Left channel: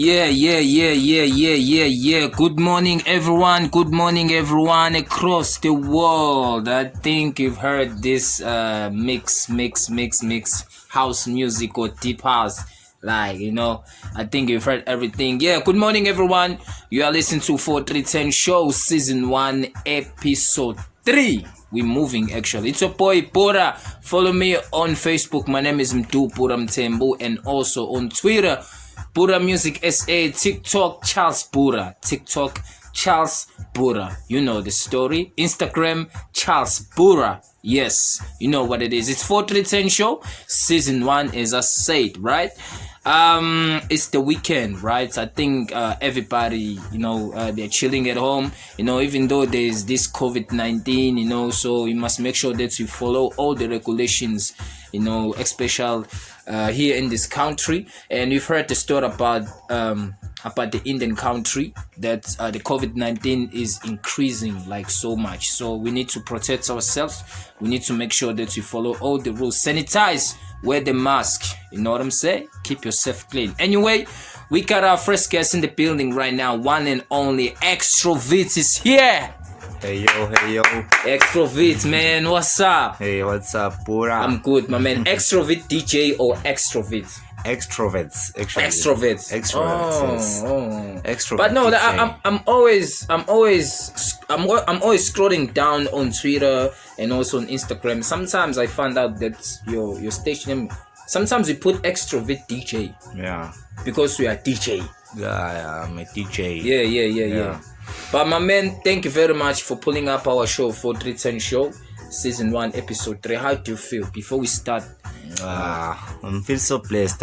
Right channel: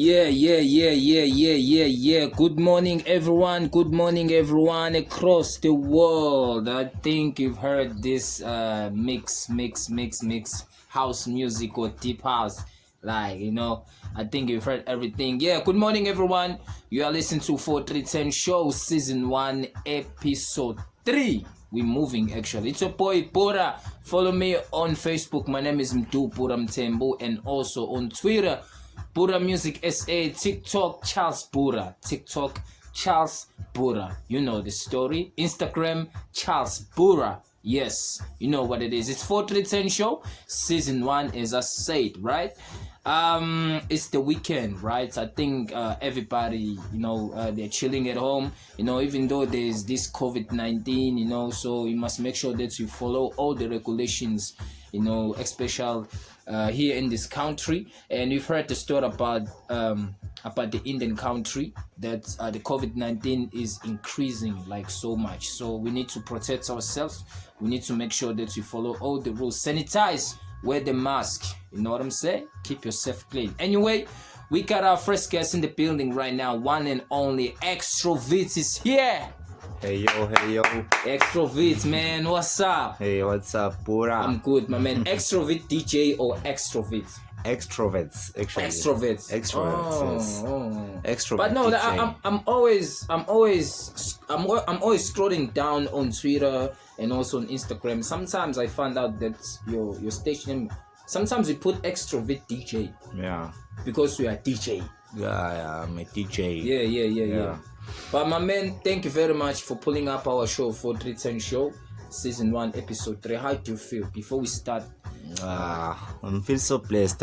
Yeah. Good morning, everyone. Good morning, everyone across the world. I think you've heard this mix house music or deep house. Like, I think you've heard everything. Yeah, good morning, everyone. You are listening to 4310 Show, Season 1, Episode 3. We're moving, actually. It's your boy, Pura. Follow me on Facebook. My name is Mdu Pura Mtembu. And also on Twitter, Pura Music SA, TikTok, Charles Pura. TikTok, Charles Pura. You know the story. Instagram, Charles Pura. Yes, you know what it is. It's 4310 Show, Season 1, as I said, right? It's the weekend, right? I think everybody, they're chilling at home, even though there's this COVID-19, so you must make sure that you follow all the regulations, especially here in this country. And we've heard the story about the Indian country that the COVID-19 is increasing like so much. So we need to protect ourselves. We need to make sure that we follow all the rules. Sanitize, wear the mask. You know what I'm saying? Keep yourself clean. Anyway, we got our first guest in the building right now. One and only Xtrovet is here. Hey yo. Xtrovet, man, what's up? Hey, what's up, Pura? I'm good, my man. Xtrovet DJ or Xtrovet? Extrovets, actually. Extrovets. Yes. Extrovert. But no, DJ. I'm always scrolling down on Twitter and also on Instagram. Sometimes I find out that your station name. Sometimes you put Xtrovet DJ. Yeah. Because we are DJ. Yeah, I'm a DJ. Yeah. But my man, thank you very much for pulling up our show, 4310 Show, Season 1, Episode 3. How do you feel before we start? I feel so blessed.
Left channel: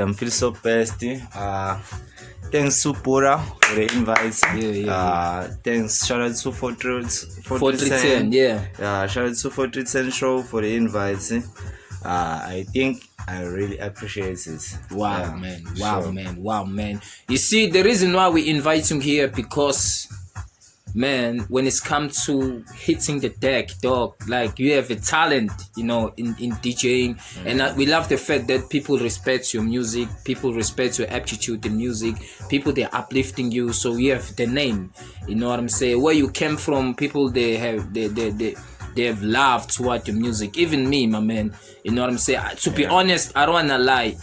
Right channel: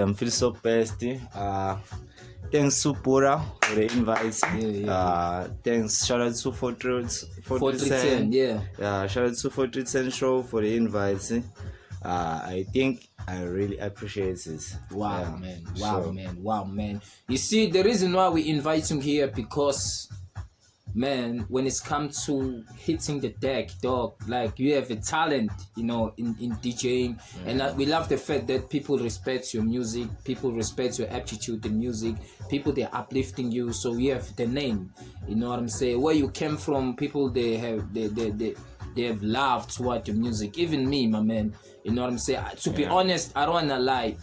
Thanks to Pura for the invites. Yeah. Thanks, shout out to 4310, yeah. Shout out to 4310 Show for the invites. I think I really appreciate it. Wow, man. You see, the reason why we invite him here because, man, when it's come to hitting the deck, dog, like you have a talent, in DJing, and we love the fact that people respect your music, people respect your aptitude in music, people they're uplifting you, so you have the name, you know what I'm saying? Where you came from, people they have love toward your music. Even me, my man, you know what I'm saying? To be honest, I don't wanna lie.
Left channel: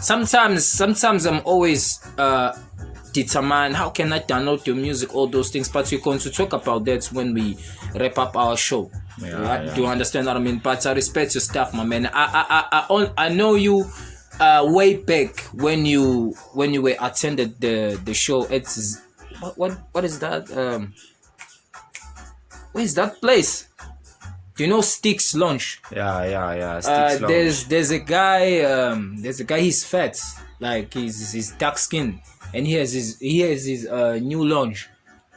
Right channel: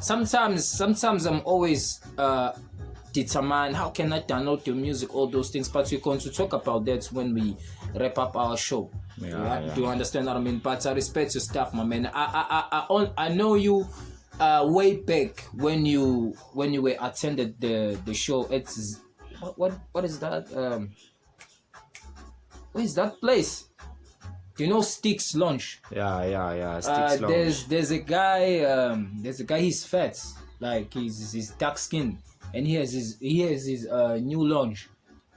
Sometimes I'm always determine how can I download your music, all those things, but we're going to talk about that when we wrap up our show. Right? Do you understand what I mean? But I respect your stuff, my man. I know you way back when you were attended the show. It's what is that? Where is that place? Do you know Sticks Lounge? Yeah. Sticks Lounge. There's a guy. He's fat, like he's dark skin. And he has his new launch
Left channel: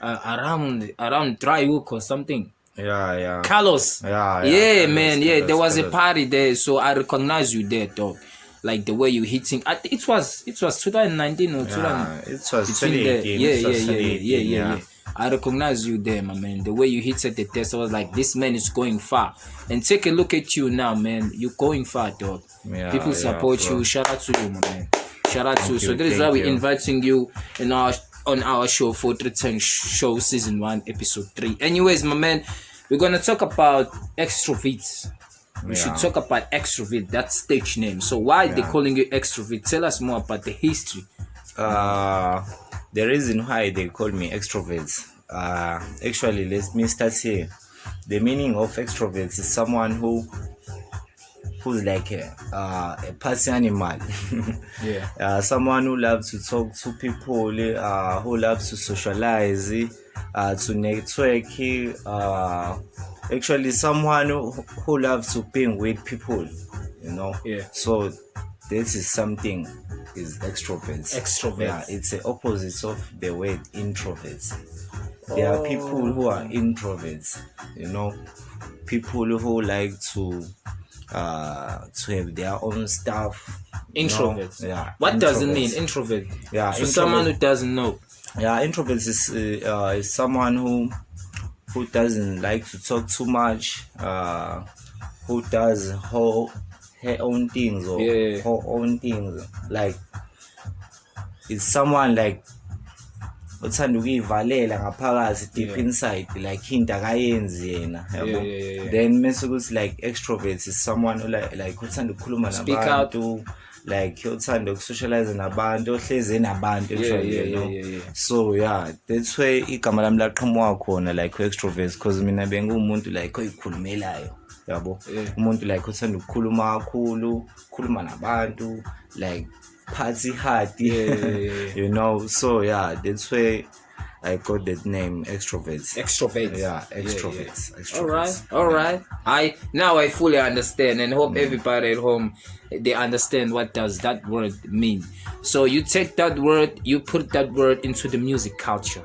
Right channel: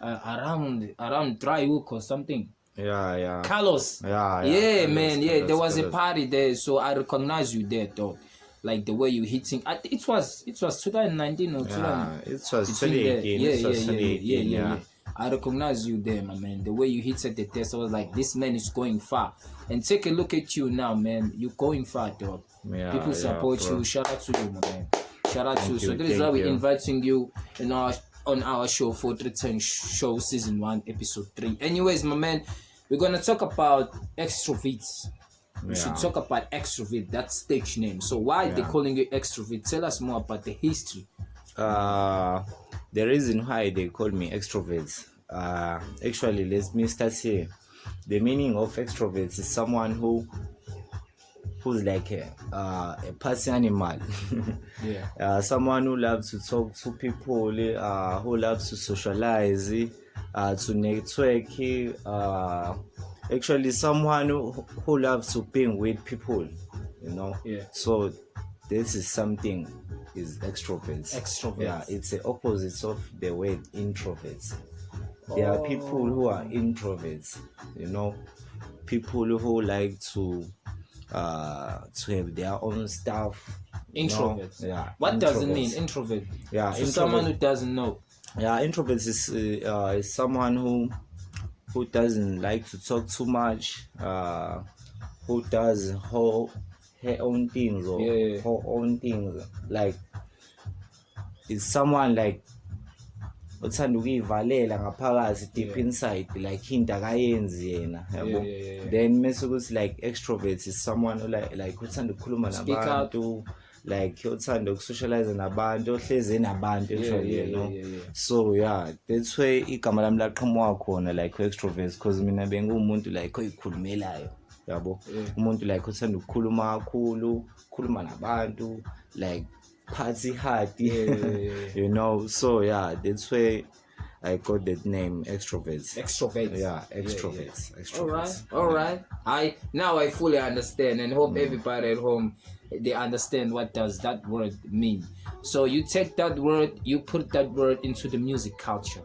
around Dry Hook or something. Yeah. Carlos. Yeah, man. Carlos, There was a party there, so I recognize you there, dog. Like the way you hitting. It was 2019 or 2000. It was 2018. Yeah. I recognize you there, my man. The way you hit at the test, I was like, this man is going far. And take a look at you now, man. You're going far, dog. People support you. Shout out to you, my man. Shout out to you. So that is why we're inviting you on our show, 4310 Show, Season 1, Episode 3. Anyways, my man, we're gonna talk about Xtrovet. We should talk about Xtrovet, that stage name. So why they calling you Xtrovet? Tell us more about the history. The reason why they call me Xtrovet. Actually, let me start here. The meaning of Xtrovet is someone who's like a party animal. Someone who loves to talk to people, who loves to socialize, to network, actually someone who loves to bang with people, so this is something is extroverts. It's the opposite of the word introverts. There are people who are introverts, people who like to have their own stuff. Introverts. What does it mean, introvert? For someone who doesn't know. Introverts is someone who doesn't like to talk too much, who does her own things or her own things. Like, it's someone like uthanda ukuyivalela ngaphakathi deep inside like into akayenzi yena yabo. Then mase ukuthi like extrovert is someone who like uthanda ukukhuluma nabantu, like uthanda ukusocialize nabantu, ohlezi nabantu actually, you know. So yeah, that's why igama lami laqhamuka khona like extrovert, because mina bengumuntu like oyikhulumelayo yabo. Umuntu like uthanda ukukhuluma kakhulu, ukukhuluma nabantu, like party hard, you know. So yeah, that's why I got that name, Xtrovet. Yeah, Xtrovet. All right. Now I fully understand, and hope everybody at home, they understand what does that word mean. So you take that word, you put that word into the music culture,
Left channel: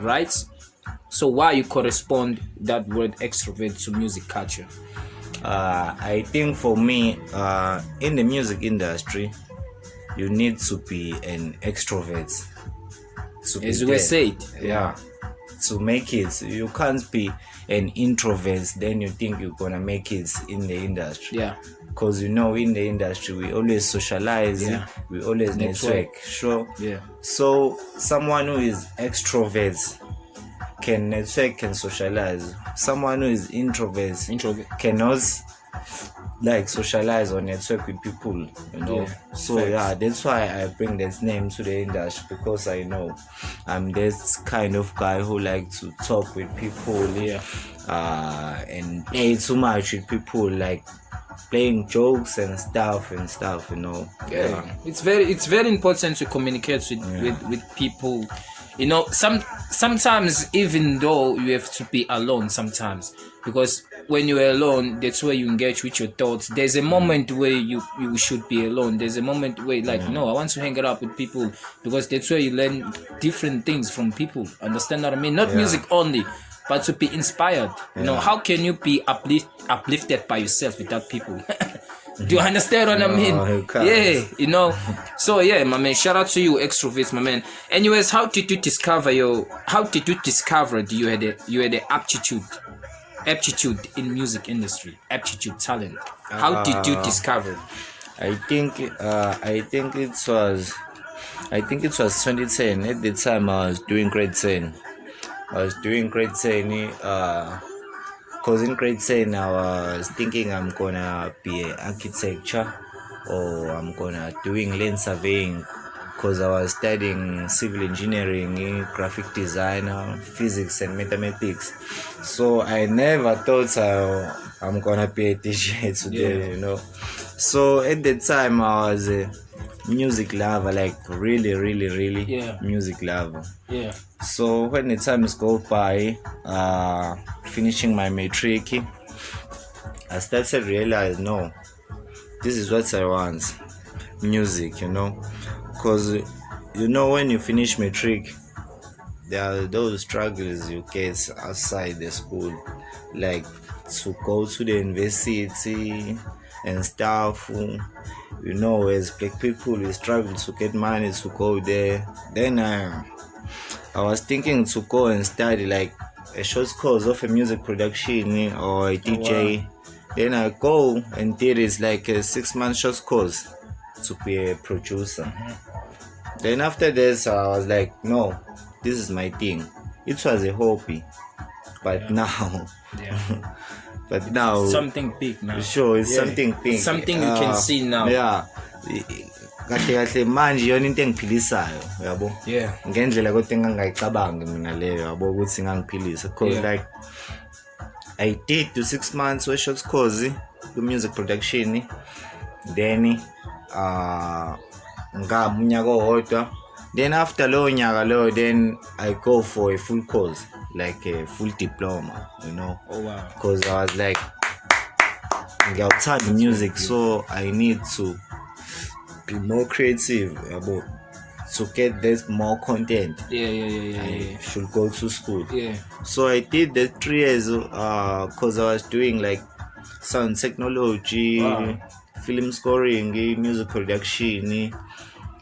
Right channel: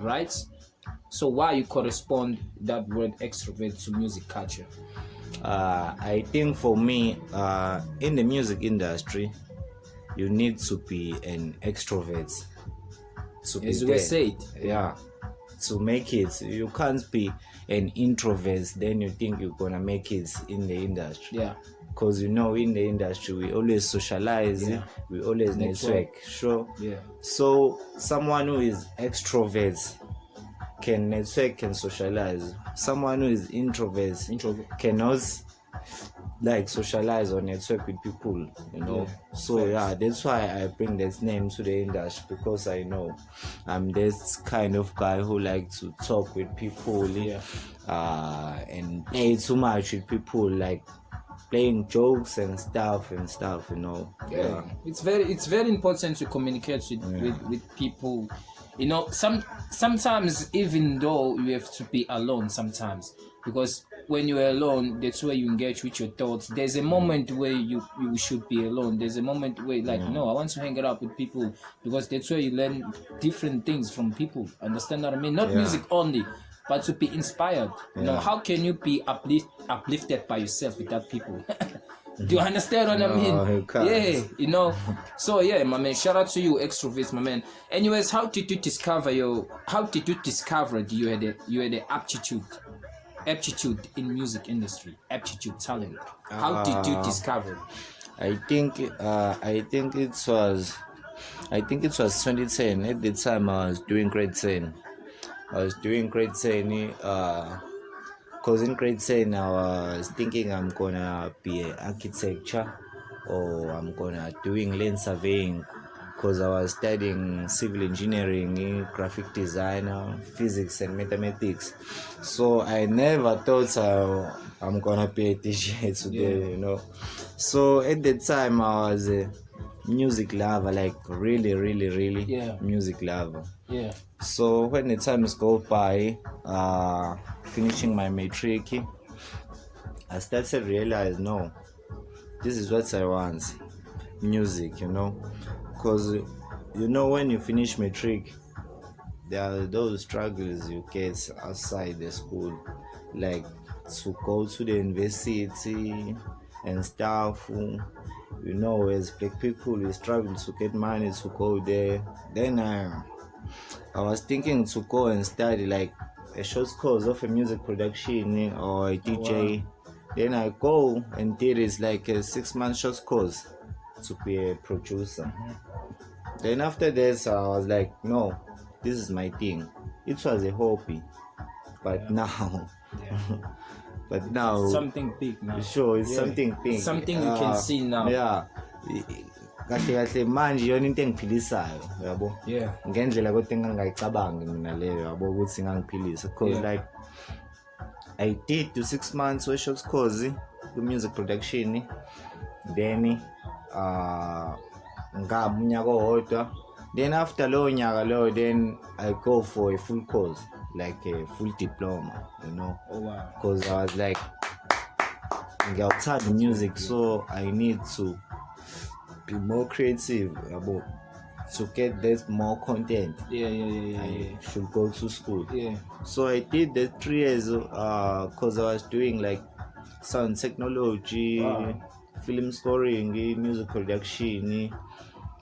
right? So why you correspond that word extrovert to music culture? I think for me, in the music industry, you need to be an extrovert. As you were said, to make it. You can't be an introvert then you think you're gonna make it in the industry. Because you know, in the industry we always socialize, we always network. Sure. So someone who is extrovert can network, can socialize. Someone who is introvert cannot like socialize or network with people, you know. So that's why I bring that name to the industry, because I know I'm this kind of guy who like to talk with people, and play too much with people, like playing jokes and stuff, you know. It's very important to communicate with people, you know. Sometimes even though you have to be alone sometimes, because when you're alone, that's where you engage with your thoughts. There's a moment where you should be alone. There's a moment where like, no, I want to hang out with people, because that's where you learn different things from people. Understand what I mean? Not music only, but to be inspired. You know, how can you be uplifted by yourself without people? Do you understand what I mean? You know. So my man, shout out to you, Xtrovet, my man. Anyways, how did you discover you had the aptitude in music industry, talent? How did you discover? I think it was 2010. At the time I was doing grade 10. Because in grade 10 I was thinking I'm gonna be an architecture, or I'm gonna doing land surveying, because I was studying civil engineering, graphic design, physics and mathematics. So I never thought I'm gonna be a DJ today, you know. So at the time I was a music lover, like really music lover. So when the times go by, finishing my matric, I started to realize, no, this is what I want, music, you know. Because you know, when you finish matric, there are those struggles you get outside the school, like to go to the university and stuff. You know, as black people, we struggle to get money to go there. Then I was thinking to go and study like a short course of a music production or a DJ. Then I go and did it like a 6-month short course to be a producer. Then after this, I was like, no, this is my thing. It was a hobby, but now, but now something big now. Sure, it's something big. Something you can see now. Kahle manje yona into engiphilisayo, yabo. Ngendlela kodwa engangayicabangi mina leyo, yabo, ukuthi ngangiphilisa. Because like I did the 6 months we short course the music production. Then unyaka owodwa. Then after lowo nyaka lowo, then I go for a full course, like a full diploma, you know. Because I was like, ngiyawuthanda music, so I need to be more creative about to get this more content. I should go to school. So I did the 3 years because I was doing like sound technology, film scoring, music production,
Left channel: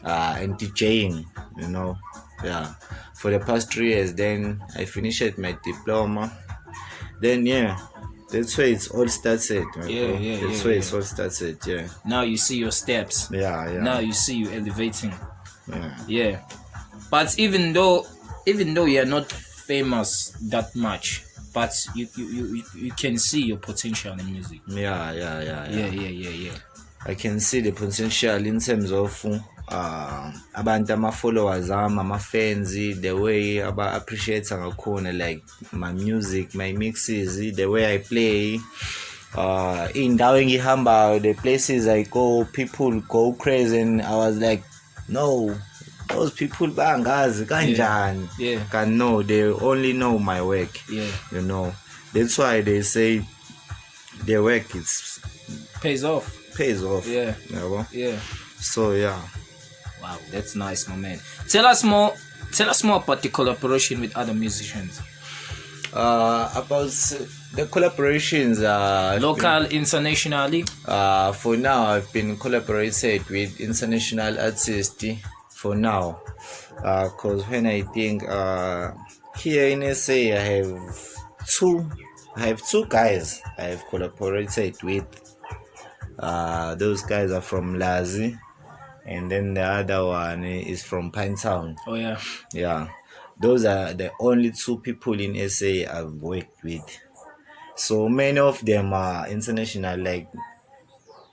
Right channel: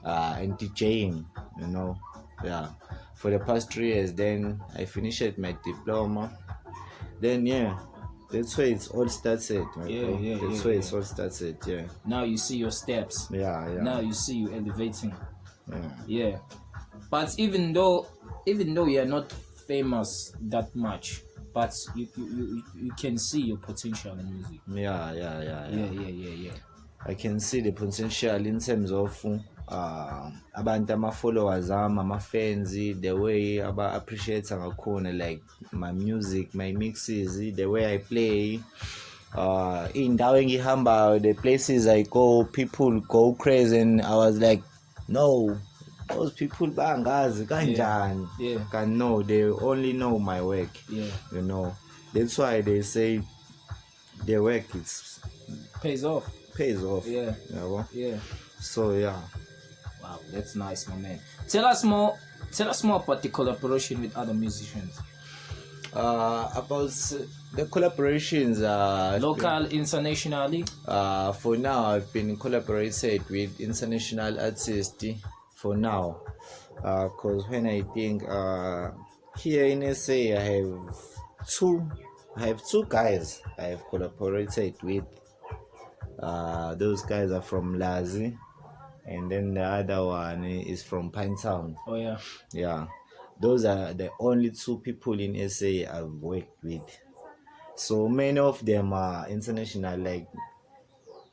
and DJing, you know. For the past 3 years. Then I finished my diploma. Then that's where it's all started. That's where it's all started. Now you see your steps. Now you see you elevating. But even though even though you're not famous that much, but you can see your potential in music. Yeah. I can see the potential in terms of abantu ama-followers ama-fans, the way aba-appreciate ngakhona, like my music, my mixes, the way I play. Indawo engihambayo, the places I go, people go crazy, and I was like, no, those people bangazi kanjani. Can know, they only know my work. You know, that's why they say the work pays off. Yeah. So yeah. Wow, that's nice, my man. Tell us more about the collaboration with other musicians. About the collaborations, local, internationally. For now, I've been collaborated with international artists. For now, because when I think here in SA, I have two guys I have collaborated with. Those guys are from Lazi, and then the other one is from Pinetown. Oh yeah. Yeah, those are the only two people in SA I've worked with. So many of them are international, like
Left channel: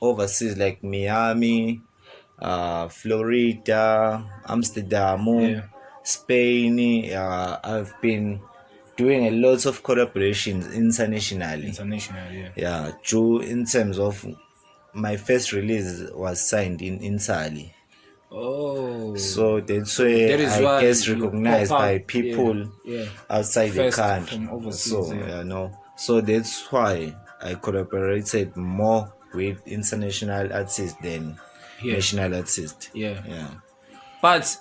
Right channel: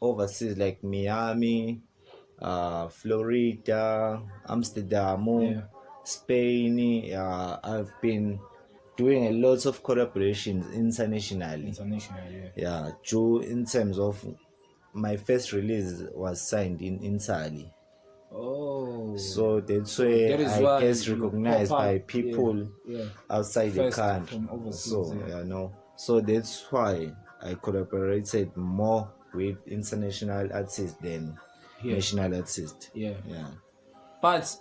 overseas, like Miami, Florida, Amsterdam, Spain. I've been doing a lot of collaborations internationally. Yeah, true. In terms of my first release was signed in Italy. Oh, so that's why I get recognized by people outside the country. So so that's why I collaborated more with international artists than national artists. But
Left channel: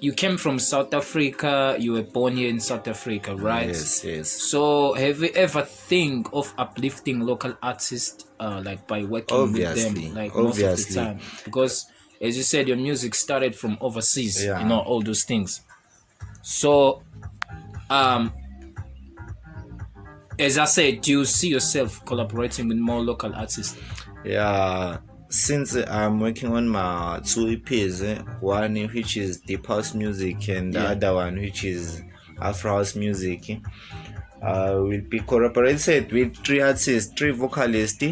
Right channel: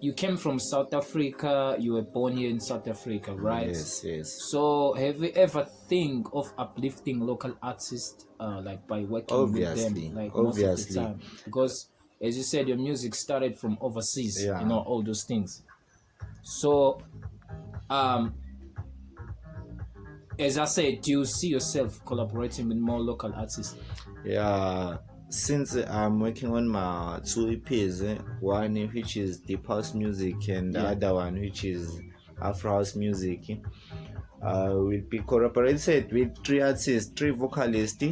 you came from South Africa, you were born here in South Africa, right? Yes. So have you ever think of uplifting local artists, like by working with them, like most of the time? Because as you said, your music started from overseas, you know, all those things. So as I said, do you see yourself collaborating with more local artists? Yeah, since I'm working on my two EPs, one which is deep house music and the other one which is Afro house music, will be collaborated with three vocalists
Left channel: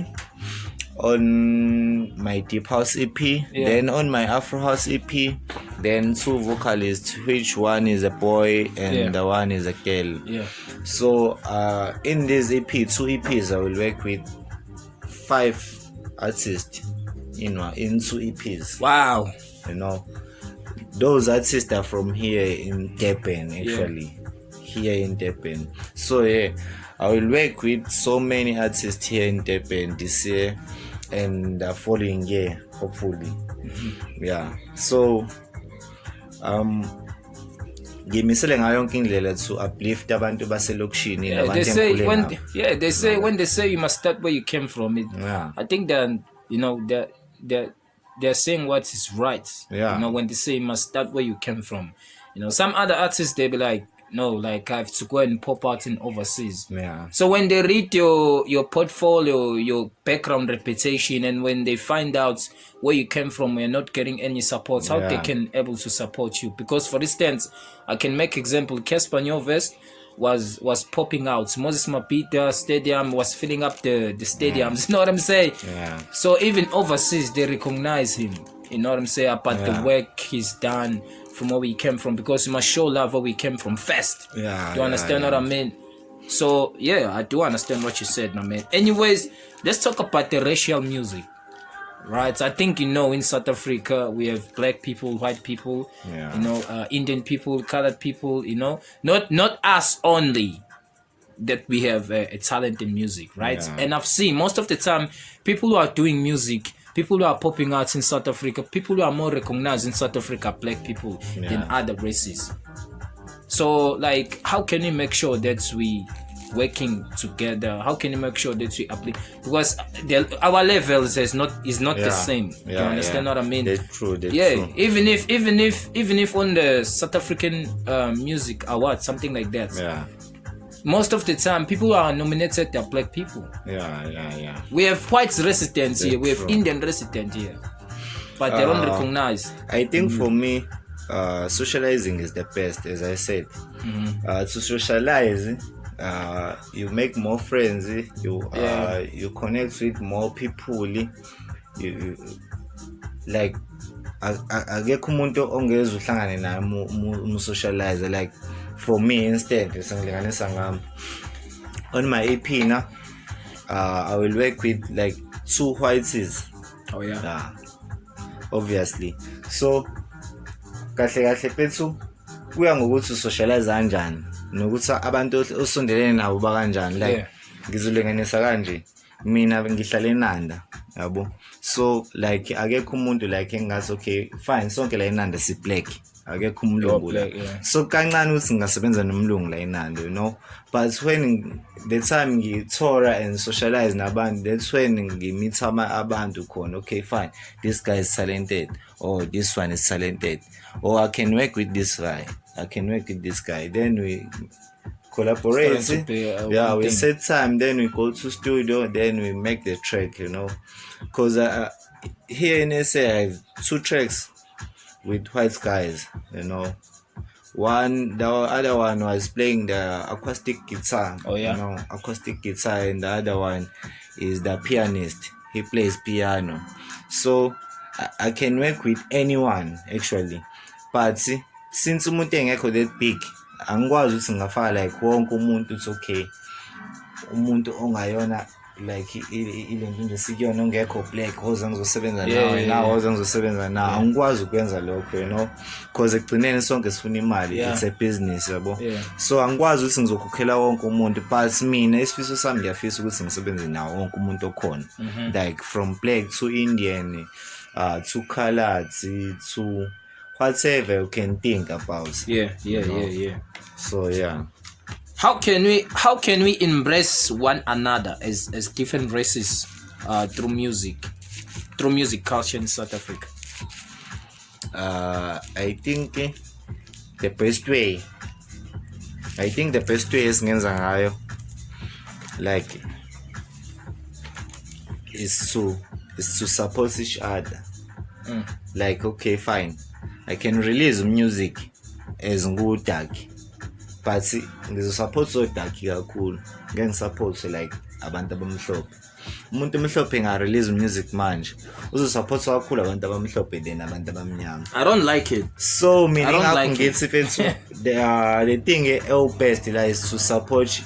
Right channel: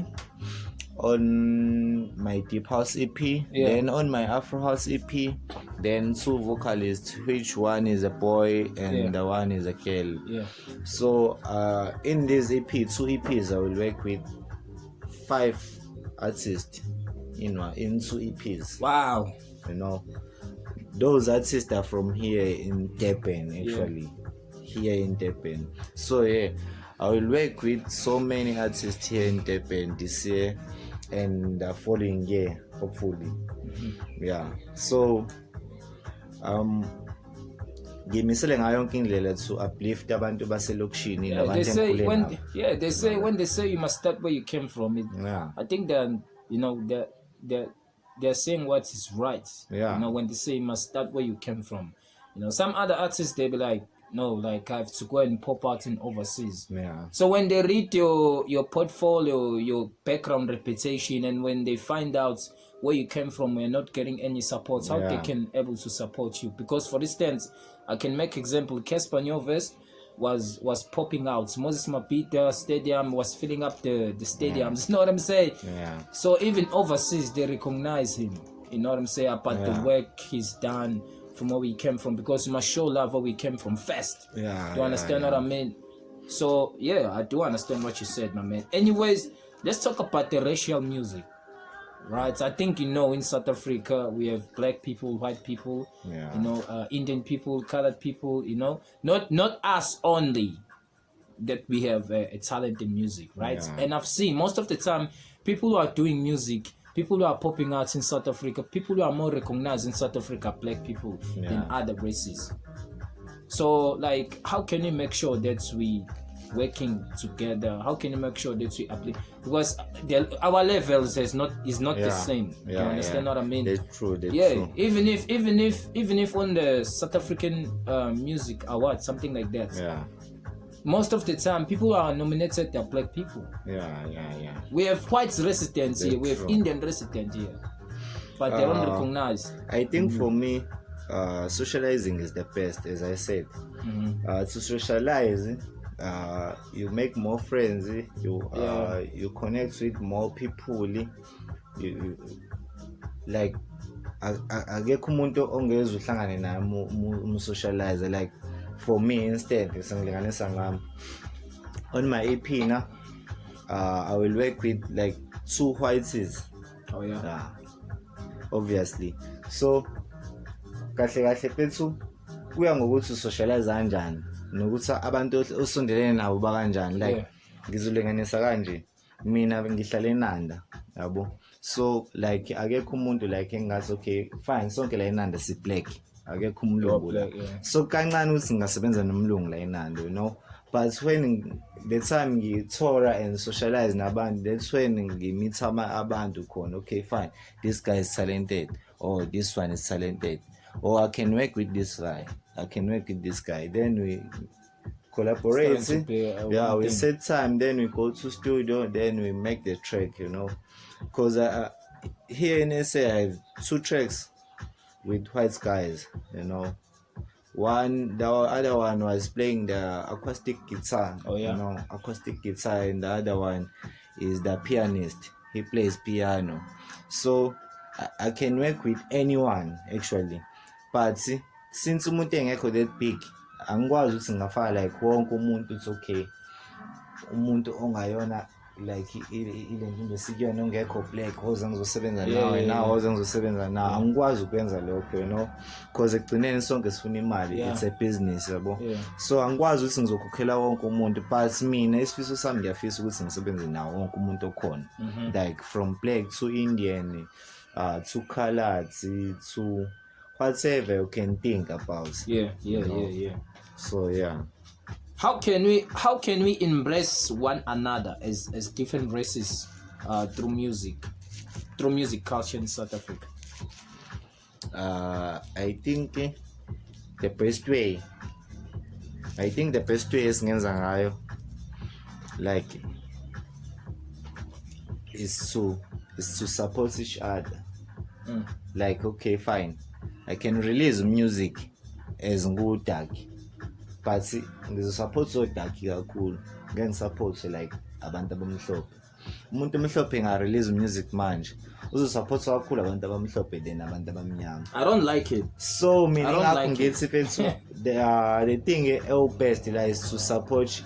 on my deep house EP, then on my Afro house EP, then two vocalists, which one is a boy and the one is a girl. So in this EP, two EPs, I will work with 5 artists, you know, in 2 EPs. Wow. You know, those artists are from here in Durban, actually. Here in Durban. So I will work with so many artists here in Durban this year and the following year, hopefully. So ngimisele ngayo yonke indlela to uplift abantu baselokishini nabantu they say when they say you must start where you came from, I think that, you know, they're saying what is right. You know, when they say you must start where you came from. You know, some other artists, they be like, no, like I have to go and pop out in overseas. So when they read your portfolio, your background reputation, and when they find out where you came from, you're not getting any support, how they can able to support you? Because for instance, I can make example, Casper Nyovest was popping out. Moses Mapita Stadium was filling up the stadiums. You know what I'm saying? So even overseas, they recognize him. You know what I'm saying? About the work he's done from where we came from, because you must show love where we came from first. Do you understand what I mean? So I do understand what you said, my man. Anyways, let's talk about the racial music, right? I think, you know, in South Africa we have black people, white people, you know, Indian people, colored people, you know, not us only that we have a talent in music, right? And I've seen most of the time people who are doing music, people who are popping out in South Africa, people who are more recognized in South Africa, black people, than other races. So, like, how can we make sure that we working together? How can you make sure that we apply? Because our levels is not the same. You understand what I mean? That's true. True. Even if on the South African Music Award, something like that. Most of the time, people who are nominated are black people. We have white residents here. We have Indian residents here, but they're not recognized. I think for me, socializing is the best, as I said. To socialize, you make more friends, you connect with more people, you like akekho umuntu ongeza uhlangane naye mu socialize. Like for me, instead sengilinganisa ngami on my EP na I will work with like 2 whites. Obviously. So kahle pethu kuya ngokuthi socialize kanjani nokuthi abantu osondelene nabo ba kanjani. Like ngizolenganisa kanje, mina ngihlala eNanda, yabo. So like akekho umuntu like engathi okay fine sonke la eNanda si black, akekho umlungu la. So kancane ukuthi ngingasebenza nomlungu la eNanda, you know. But when the time ngithora and socialize nabantu, that's when ngimeet abantu khona. Okay fine, this guy is talented, or this one is talented, or I can work with this guy, I can work with this guy. Then we collaborate, we set time, then we go to studio, then we make the track, you know. Because here in SA I have 2 tracks with white guys, you know. The other one was playing the acoustic guitar, you know, acoustic guitar, and the other one is the pianist. He plays piano. So I can work with anyone actually. But since umuntu engekho that big, angikwazi ukuthi ngafaka like wonke umuntu. It's okay, umuntu ongayona like ile nje sikuyona ongekho black hoze ngizosebenza nawe nawe hoze ngizosebenza nawe, angikwazi ukwenza lokho, you know, because ekugcineni sonke sifuna imali. It's a business, yabo. So angikwazi ukuthi ngizokhokhela wonke umuntu, but mina isifiso sami ngiyafisa ukuthi ngisebenze nawo wonke umuntu okhona, like from black to Indian, to colored, to whatever you can think about. So How can we embrace one another as different races through music culture in South Africa? I think the best way is ngenza ngayo like is to support each other. Like okay fine, I can release music as ngudaki, but ngizosupport odaki kakhulu, ngisupport like abantu abamhlophe. Umuntu omhlophe nga-release music manje uzosupport kakhulu abantu abamhlophe than abantu abamnyama. I don't like it. So mina ngakho ngithi fethu the thing best la is to support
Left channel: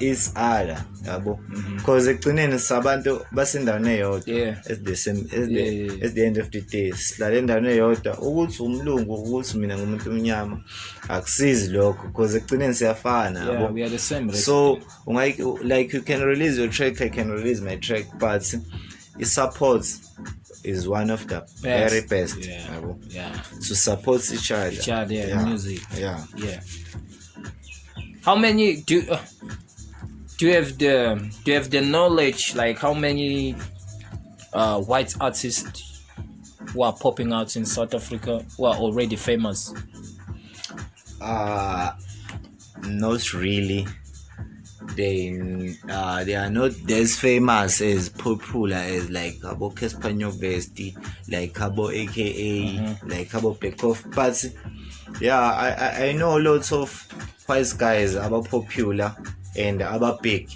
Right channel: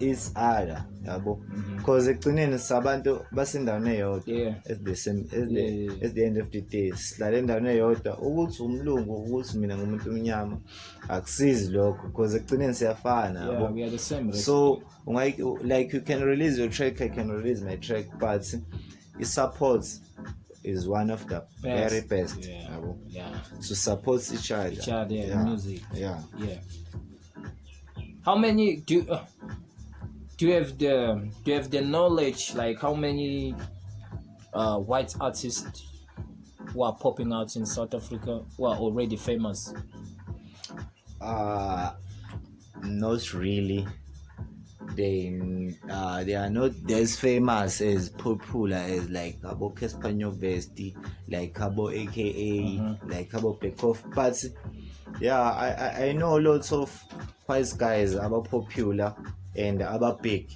each other, yabo, because ekugcineni sabantu basendaweni eyodwa. At the end of the day sihlala endaweni eyodwa. Ukuthi umlungu ukuthi mina ngumuntu omnyama akusizi lokho, because ekugcineni siyafana, yabo. We are the same race. So like you can release your track, I can release my track, but support is one of the very best, yabo, to support each other in music. How many do you have the knowledge, like how many white artists who are popping out in South Africa who are already famous? Not really. They are not as famous as popular as like Cabo Caspanyo Vesti, like Cabo AKA, like Cabo Pekoff. But I know lots of white guys about popular and about big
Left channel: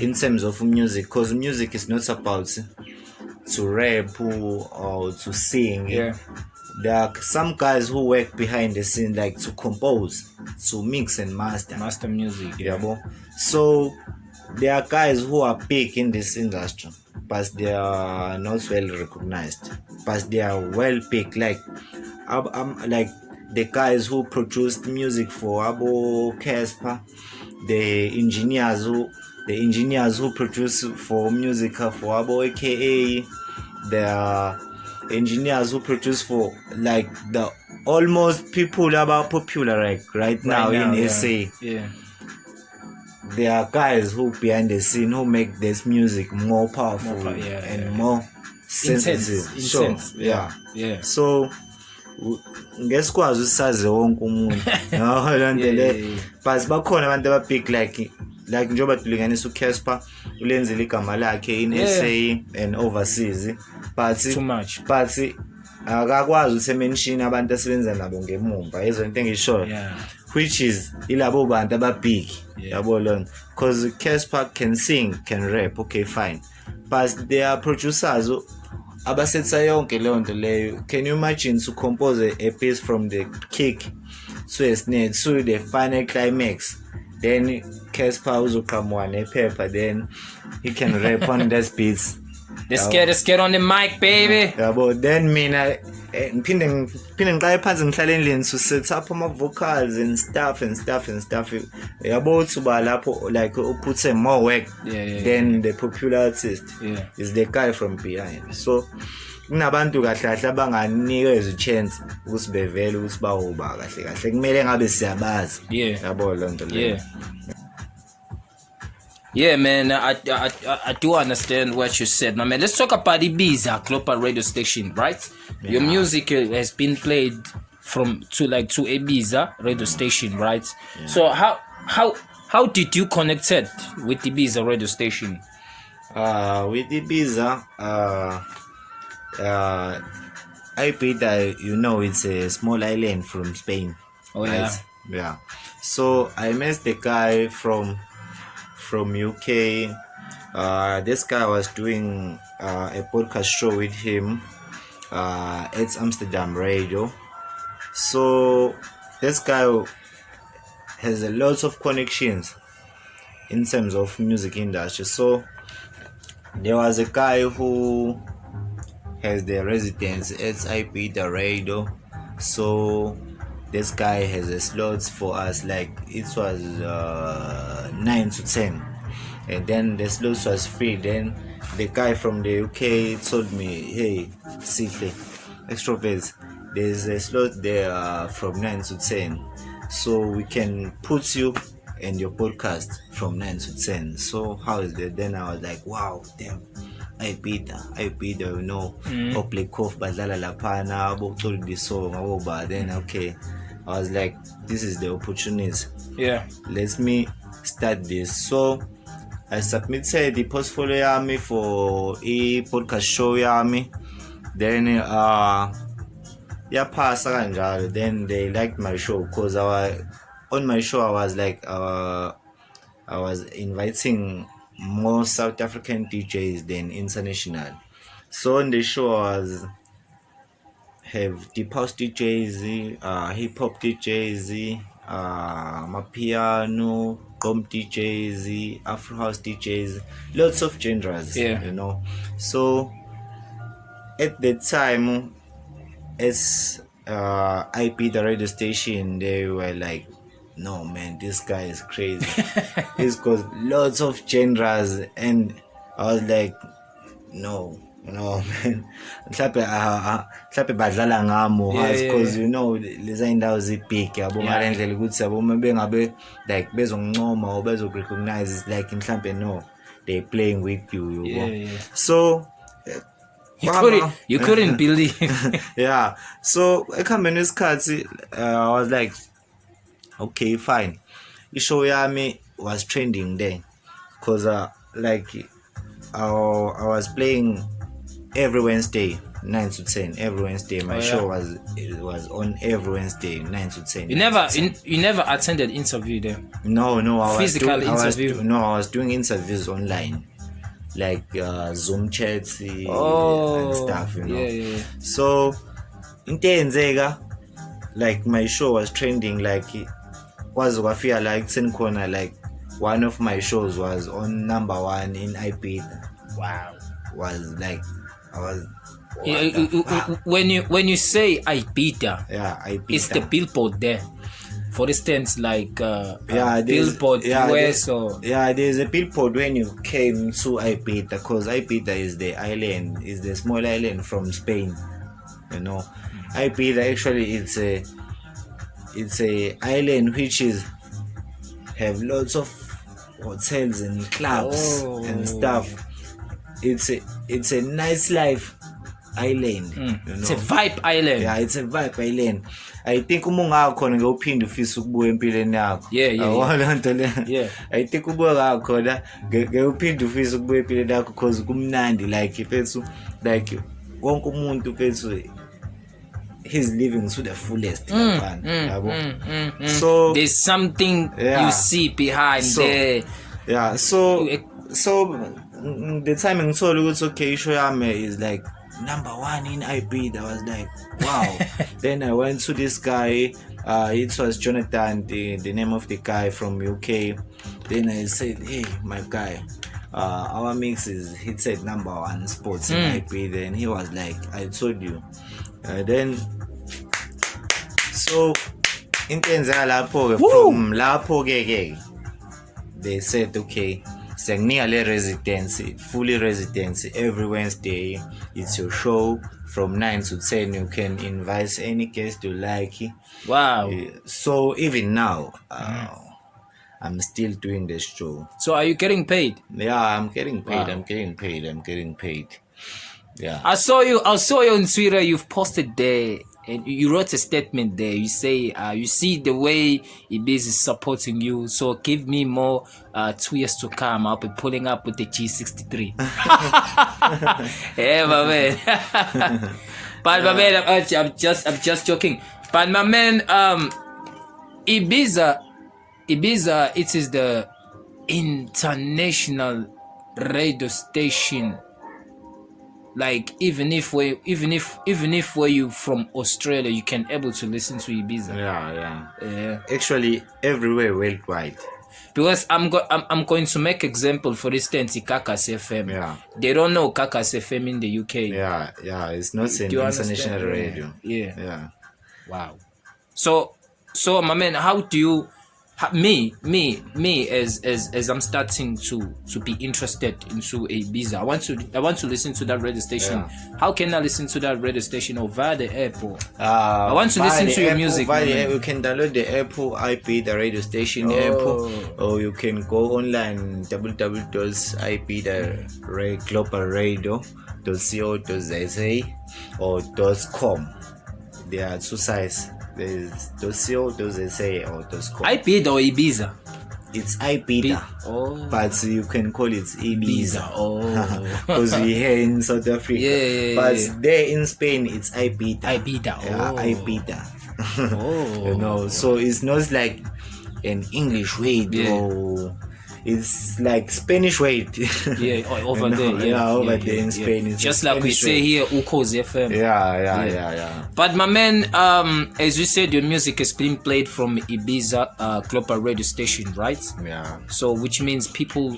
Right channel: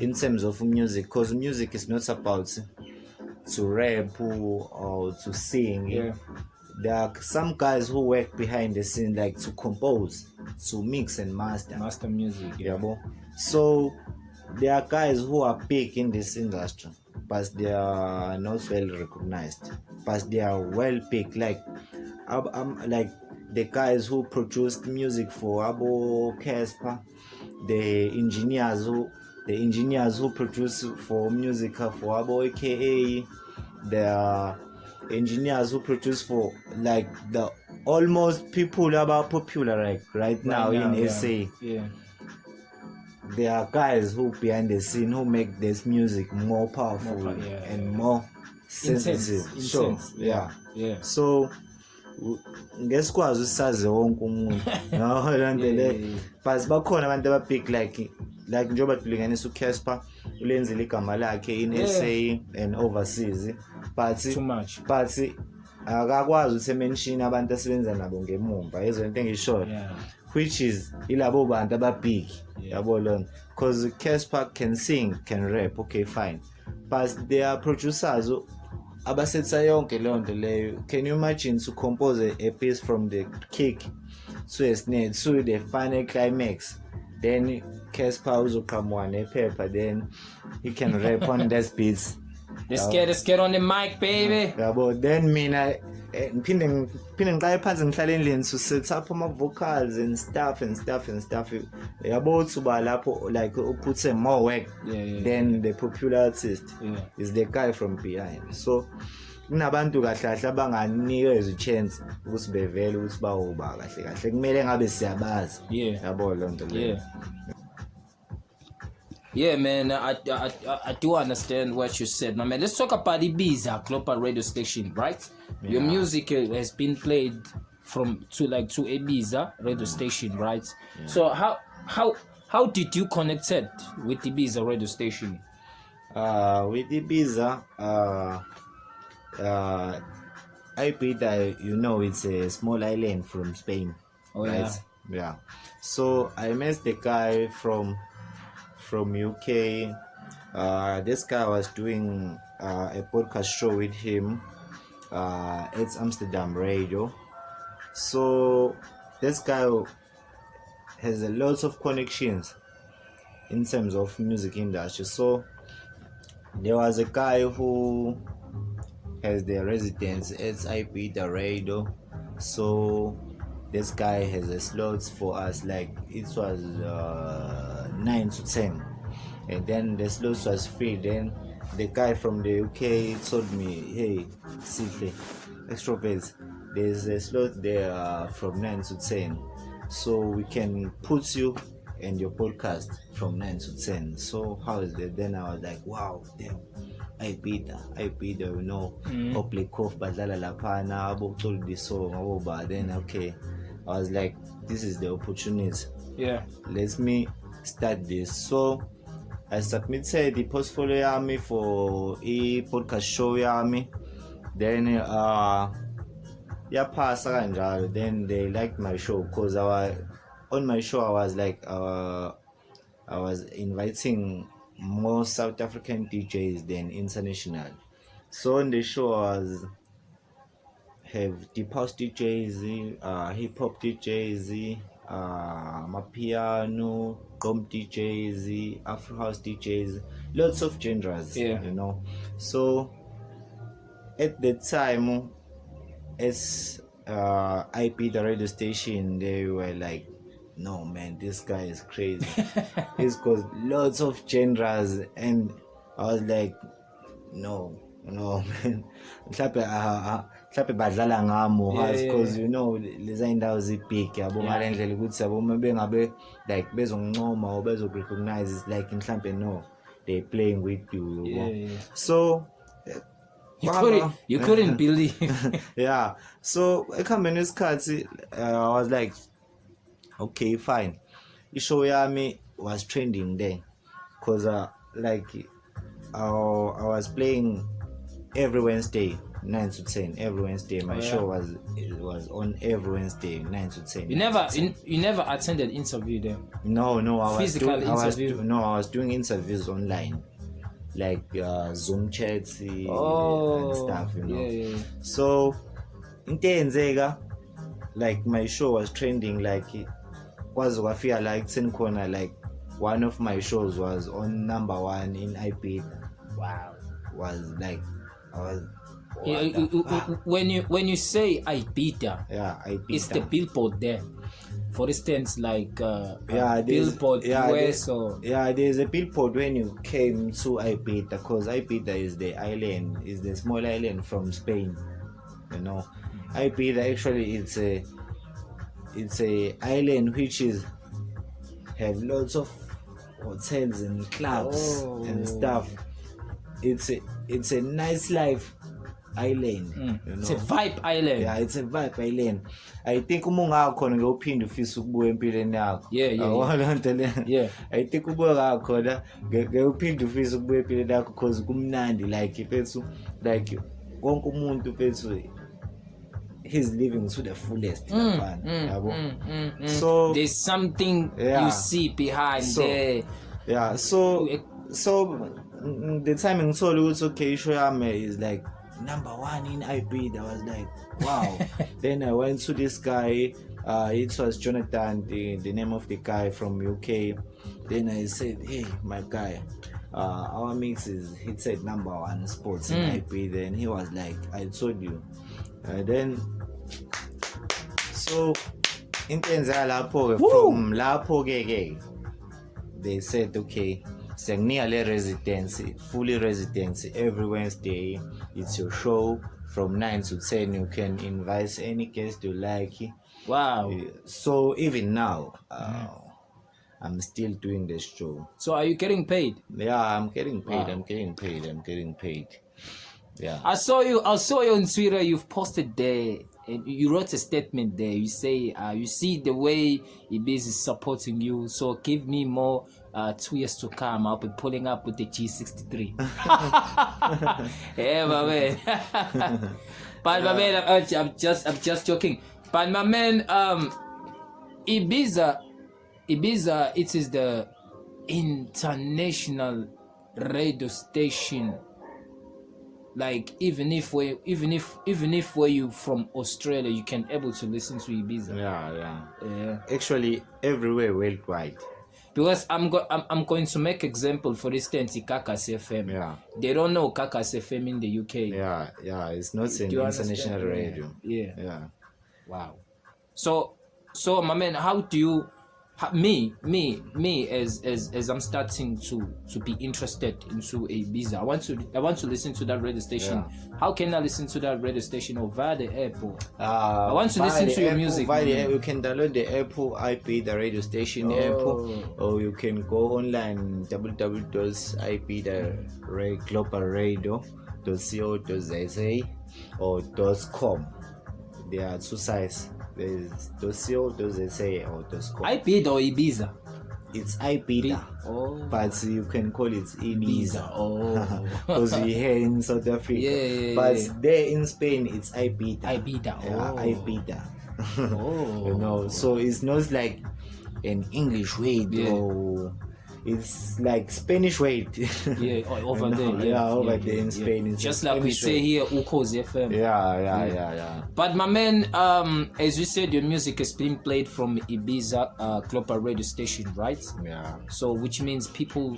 in terms of music, because music is not about to rap or to sing. There are some guys who work behind the scene, like to compose, to mix and master music. So there are guys who are big in this industry, but they are not well recognized, but they are well big. Like like the guys who produced music for Abo Casper, the engineers who produce for music for Abo AKA, the engineers who produce for like the almost people about popular like right now in SA. There are guys who behind the scene who make this music more powerful and more sensitive. So ngesikwazi usaze wonke umuntu but bakhona abantu ababig like njengoba tulinganisa uCasper ulenzile igama lakhe in SA and overseas, but too much. But akakwazi usemention abantu asebenza nabo ngemumva yezona into engisho which is ilabo bantu ababig yabo lona because Casper can sing, can rap, okay fine, but they are producers abasetsa yonke leyo nto leyo. Can you imagine to compose a piece from the kick to a snare to the final climax, then Casper uzoqhamuka nephepha, then he can rap on those beats. Let's get on the mic, baby. Yabo, then mina ngiphinde ngiqale phansi ngihlale endlini to set up my vocals and stuff. Yabo uthi ba lapho like put more work than the popular artist is the guy from behind. So kunabantu kahle kahle abanganikeza i-chance ukuthi bevele ukuthi bawoba kahle kahle kumele ngabe siyabazi. Yabo lo nto leyo. Yeah, man, I do understand what you said, my man. Let's talk about IBIZA global radio station, right? Your music has been played to IBIZA radio station, right? So how did you connect with IBIZA radio station? With IBIZA, IBIZA, you know, it's a small island from Spain. Oh, right? Yeah. So I met the guy from UK. This guy was doing a podcast show with him at Amsterdam Radio. So this guy has a lot of connections in terms of music industry. So there was a guy who has the residence at IBIZA Radio. So this guy has a slot for us, like it was 9 to 10, and then the slot was free. Then the guy from the UK told me, hey, Sihle, Xtrovet, there's a slot there from 9 to 10, so we can put you in your podcast from 9 to 10. So how is that? Then I was like, wow, damn, IBIZA, you know, play Kof badlala laphana abokucula this song aboba. Then okay, I was like, this is the opportunity. Let me start this. So I submitted the portfolio yami for a podcast show yami. Then pass kanjalo. Then they liked my show because on my show I was like I was inviting more South African DJs than international. So on the show I was have deep house DJs, hip hop DJs, Mapiano, Gom DJs, Afro house DJs, lots of genres, you know. So at the time, as IBIZA radio station, they were like, no man, this guy is crazy. He's got lots of genres, and I was like, no man, mhlawumbe badlala ngamo because you know leza indawo zibig yabo ngale ndlela ukuthi yabo uma bengabe like bezoncoma or bezorecognize, it's like mhlawumbe no, they playing with you. So you couldn't believe. So ekuhambeni kwesikhathi I was like, okay fine, ishow yami was trending there because like I was playing every Wednesday 9 to 10. Every Wednesday my show was on every Wednesday 9 to 10. You never attended interview there? No, I was doing interviews online, like Zoom chats and stuff, you know. So into yenzeka, like my show was trending, like was wafika like 10 corner, like one of my shows was on number 1 in IBIZA. Wow. Was like when you say IBIZA, IBIZA, it's the billboard there. For instance, like billboard US or there's a billboard when you came to IBIZA, because IBIZA is the island, is the small island from Spain, you know. IBIZA actually it's a island which is have lots of hotels and clubs and stuff. It's a nice life island, you know? It's a vibe island. It's a vibe island. I think khona ngawuphinde ufisa ukubuya empilweni yakho. I think ubuya khona ngawuphinde ufisa ukubuya empilweni yakho because kumnandi, like wonke umuntu he's living to the fullest. So there's something you see behind there. Yeah, so the time in Solo was okay, Shoyame is like #1 in IB. That was like, wow. Then I went to this guy, it was Jonathan, the name of the guy from UK. Then I said, hey, my guy, our mix is, he said #1 spots in IB. Then he was like, I told you. Then, so, in Lapo, from Lapo, they said, okay, nearly residency, fully residency. Every Wednesday, it's your show from 9 to 10. You can invite any guest you like. Wow. So even now, I'm still doing the show. So are you getting paid? Yeah, I'm getting paid. Wow. I'm getting paid. Yeah. I saw you on Twitter. You've posted there. And you wrote a statement there. You say, you see the way IBIZA is supporting you. So give me more 2 years to come. I'll be pulling up with the G63. Yeah, my man. But my man, I'm just joking. But my man, IBIZA, it is the international radio station. Like even if we're you from Australia, you can able to listen to IBIZA. Yeah. Actually, everywhere worldwide. Because I'm going to make example, for instance, Kakas FM. Yeah. They don't know Kakas FM in the UK. Yeah. It's not an international radio. Yeah. Wow. So my man, how do you? Me as I'm starting to be interested into IBIZA. I want to listen to that radio station. Yeah. How can I listen to that radio station over the app? I want to listen to your music. You can download the Apple IP, the radio station Apple, or you can go online www.ipglobalradio.co.za or .com. There are 2 sites. There's .co.za or .com. IBIZA or IBIZA? It's IBIZA, but you can call it IBIZA. Because we're here in South Africa. Yeah. But there in Spain, it's IBIZA. IBIZA. IBIZA. You know, so it's not like an English way, it's like Spanish way. Over there. Over there in Spain. It's just like we say here, Ukos FM. Yeah. But my man, as you said, your music is being played from IBIZA global radio station, right? Yeah. So which means people,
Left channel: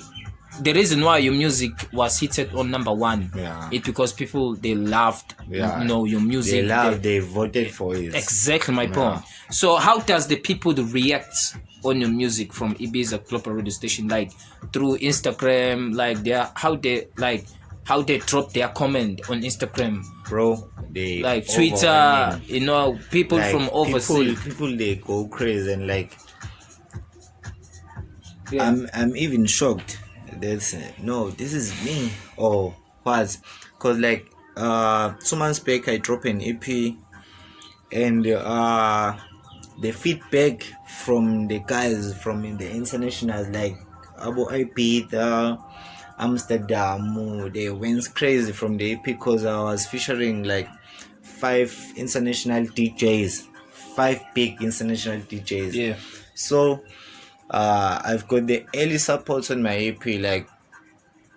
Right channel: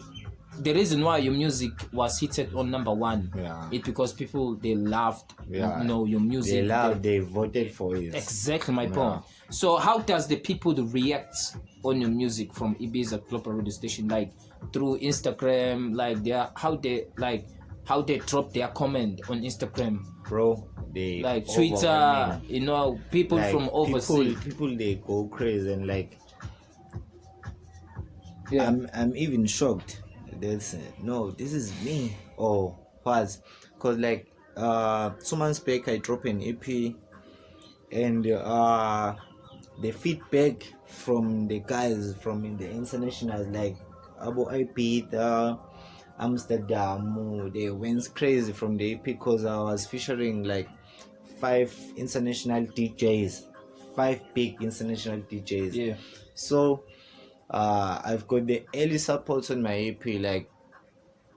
the reason why your music was hitted on #1, it's because people, they loved, your music. They voted for it. Exactly my point. So how does the people react on your music from IBIZA global radio station, like through Instagram, like how they drop their comment on Instagram, bro? They like Twitter, people like from overseas. People they go crazy and like. I'm even shocked. That's this is me or what? Cause like 2 months back I dropped an EP and the feedback from the guys from the internationals like Abu IBIZA, Amsterdam, they went crazy from the EP because I was featuring like 5 international DJs, 5 big international DJs. Yeah. So I've got the early support on my EP. Like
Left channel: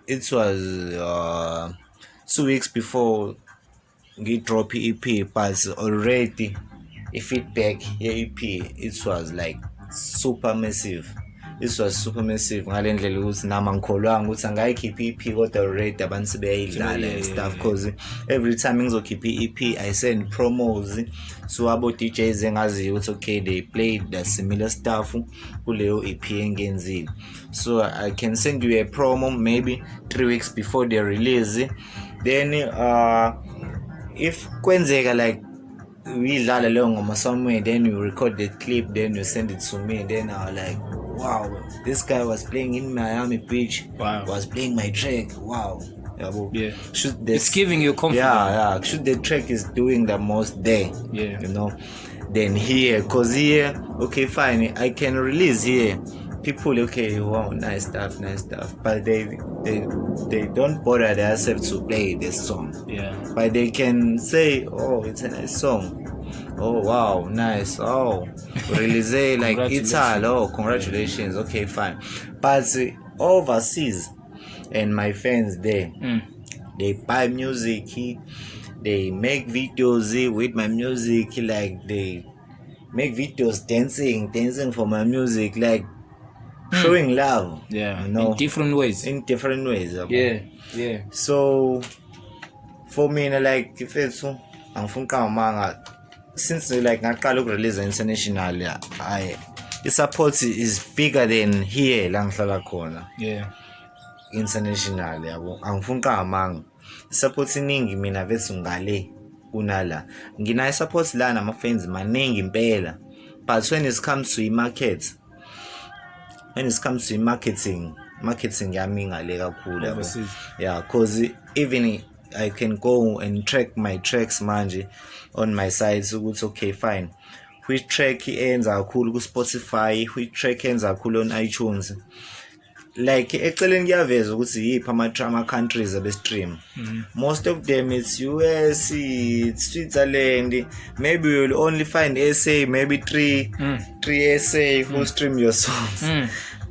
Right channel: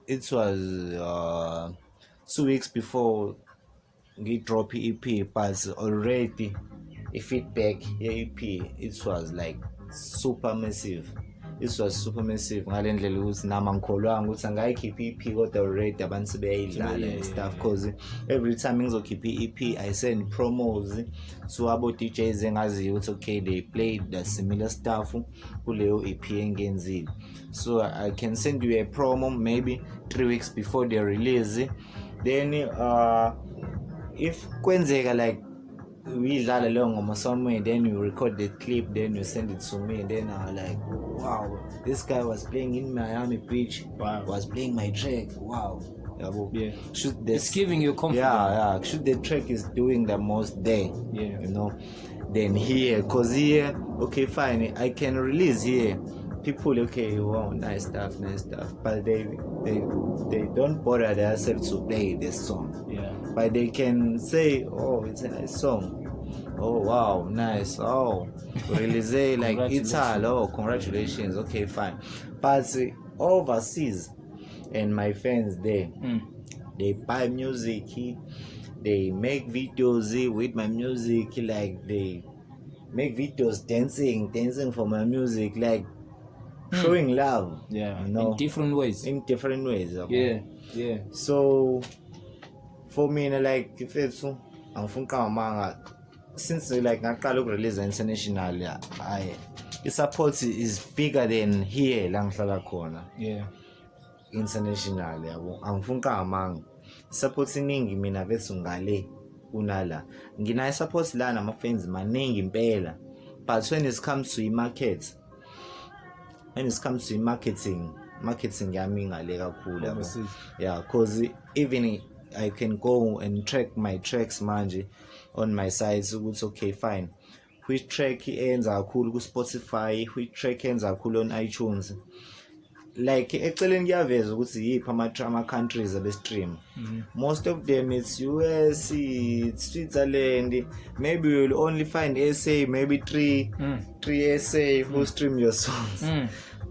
it was 2 weeks before we drop EP, but already a feedback EP, it was like super massive. It was super massive. Ngale ndlela ukuthi nama ngikholwanga ukuthi angayikhipha EP kodwa already abantu sebeyidlala and stuff, because every time ngizokhipha EP I send promos to abo DJs engaziyo ukuthi okay they played the similar stuff kuleyo EP engenzile. So I can send you a promo maybe 3 weeks before the release. Then if kwenzeka like we dlala leyo ngoma somewhere, then you record the clip, then you send it to me, then I was like, wow, this guy was playing in Miami Beach, was playing my track, wow. Yeah. It's giving you confidence. Should the track is doing the most there, then here, cause here, okay fine, I can release here, people okay, wow, nice stuff, but they don't bother themselves to play this song. Yeah. But they can say, oh, it's a nice song. Oh wow, nice. Oh, release like Italy. Oh, congratulations. Okay, fine. But overseas, and my friends there, they buy music. They make videos with my music. Like they make videos dancing for my music. Like showing love. Yeah, you know, in different ways. Yeah. So for me, like if it's since like ngaqala ukurelease international, the support is bigger than here la ngihlala khona. Yeah. International yabo angifuni kamanga support iningi mina vethu ngale kunala ngina support la nama fans maningi impela, but when it comes to marketing yami ngale kakhulu yabo. Yeah, cause even I can go and track my tracks manje on my side, so it's okay, fine. Which track enza kakhulu ku Spotify, which track enza kakhulu on iTunes. Like eceleni kuyaveza ukuthi yiphi ama countries abestream. Most of them it's US, it's Switzerland. Maybe you'll only find SA, maybe three SA who stream your songs.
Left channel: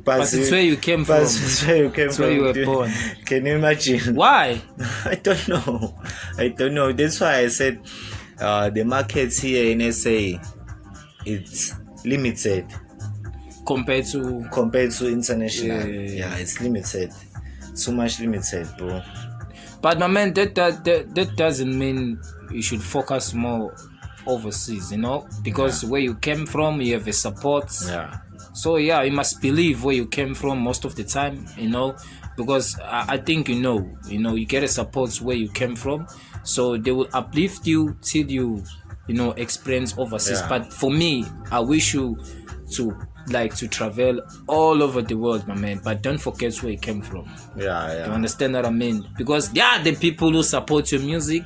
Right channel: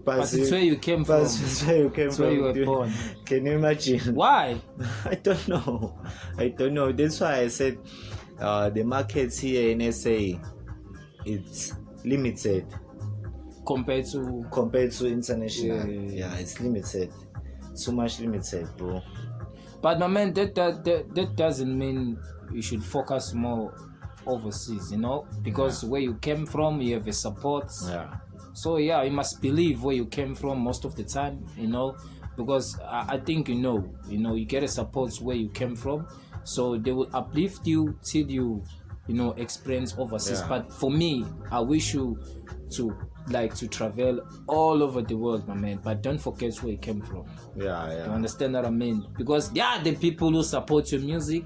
But it's where you came from. It's where you came from. Where you were born. Can you imagine? Why? I don't know. That's why I said the markets here in SA, it's limited compared to international. Yeah, it's limited. Too much limited, bro. But my man, that doesn't mean you should focus more overseas, because where you came from, you have a support. Yeah. So yeah, you must believe where you came from most of the time, because I think you get a support where you came from, so they will uplift you till you experience overseas. But for me, I wish you to travel all over the world, my man, but don't forget where you came from. Yeah. You understand what I mean? Because there are the people who support your music,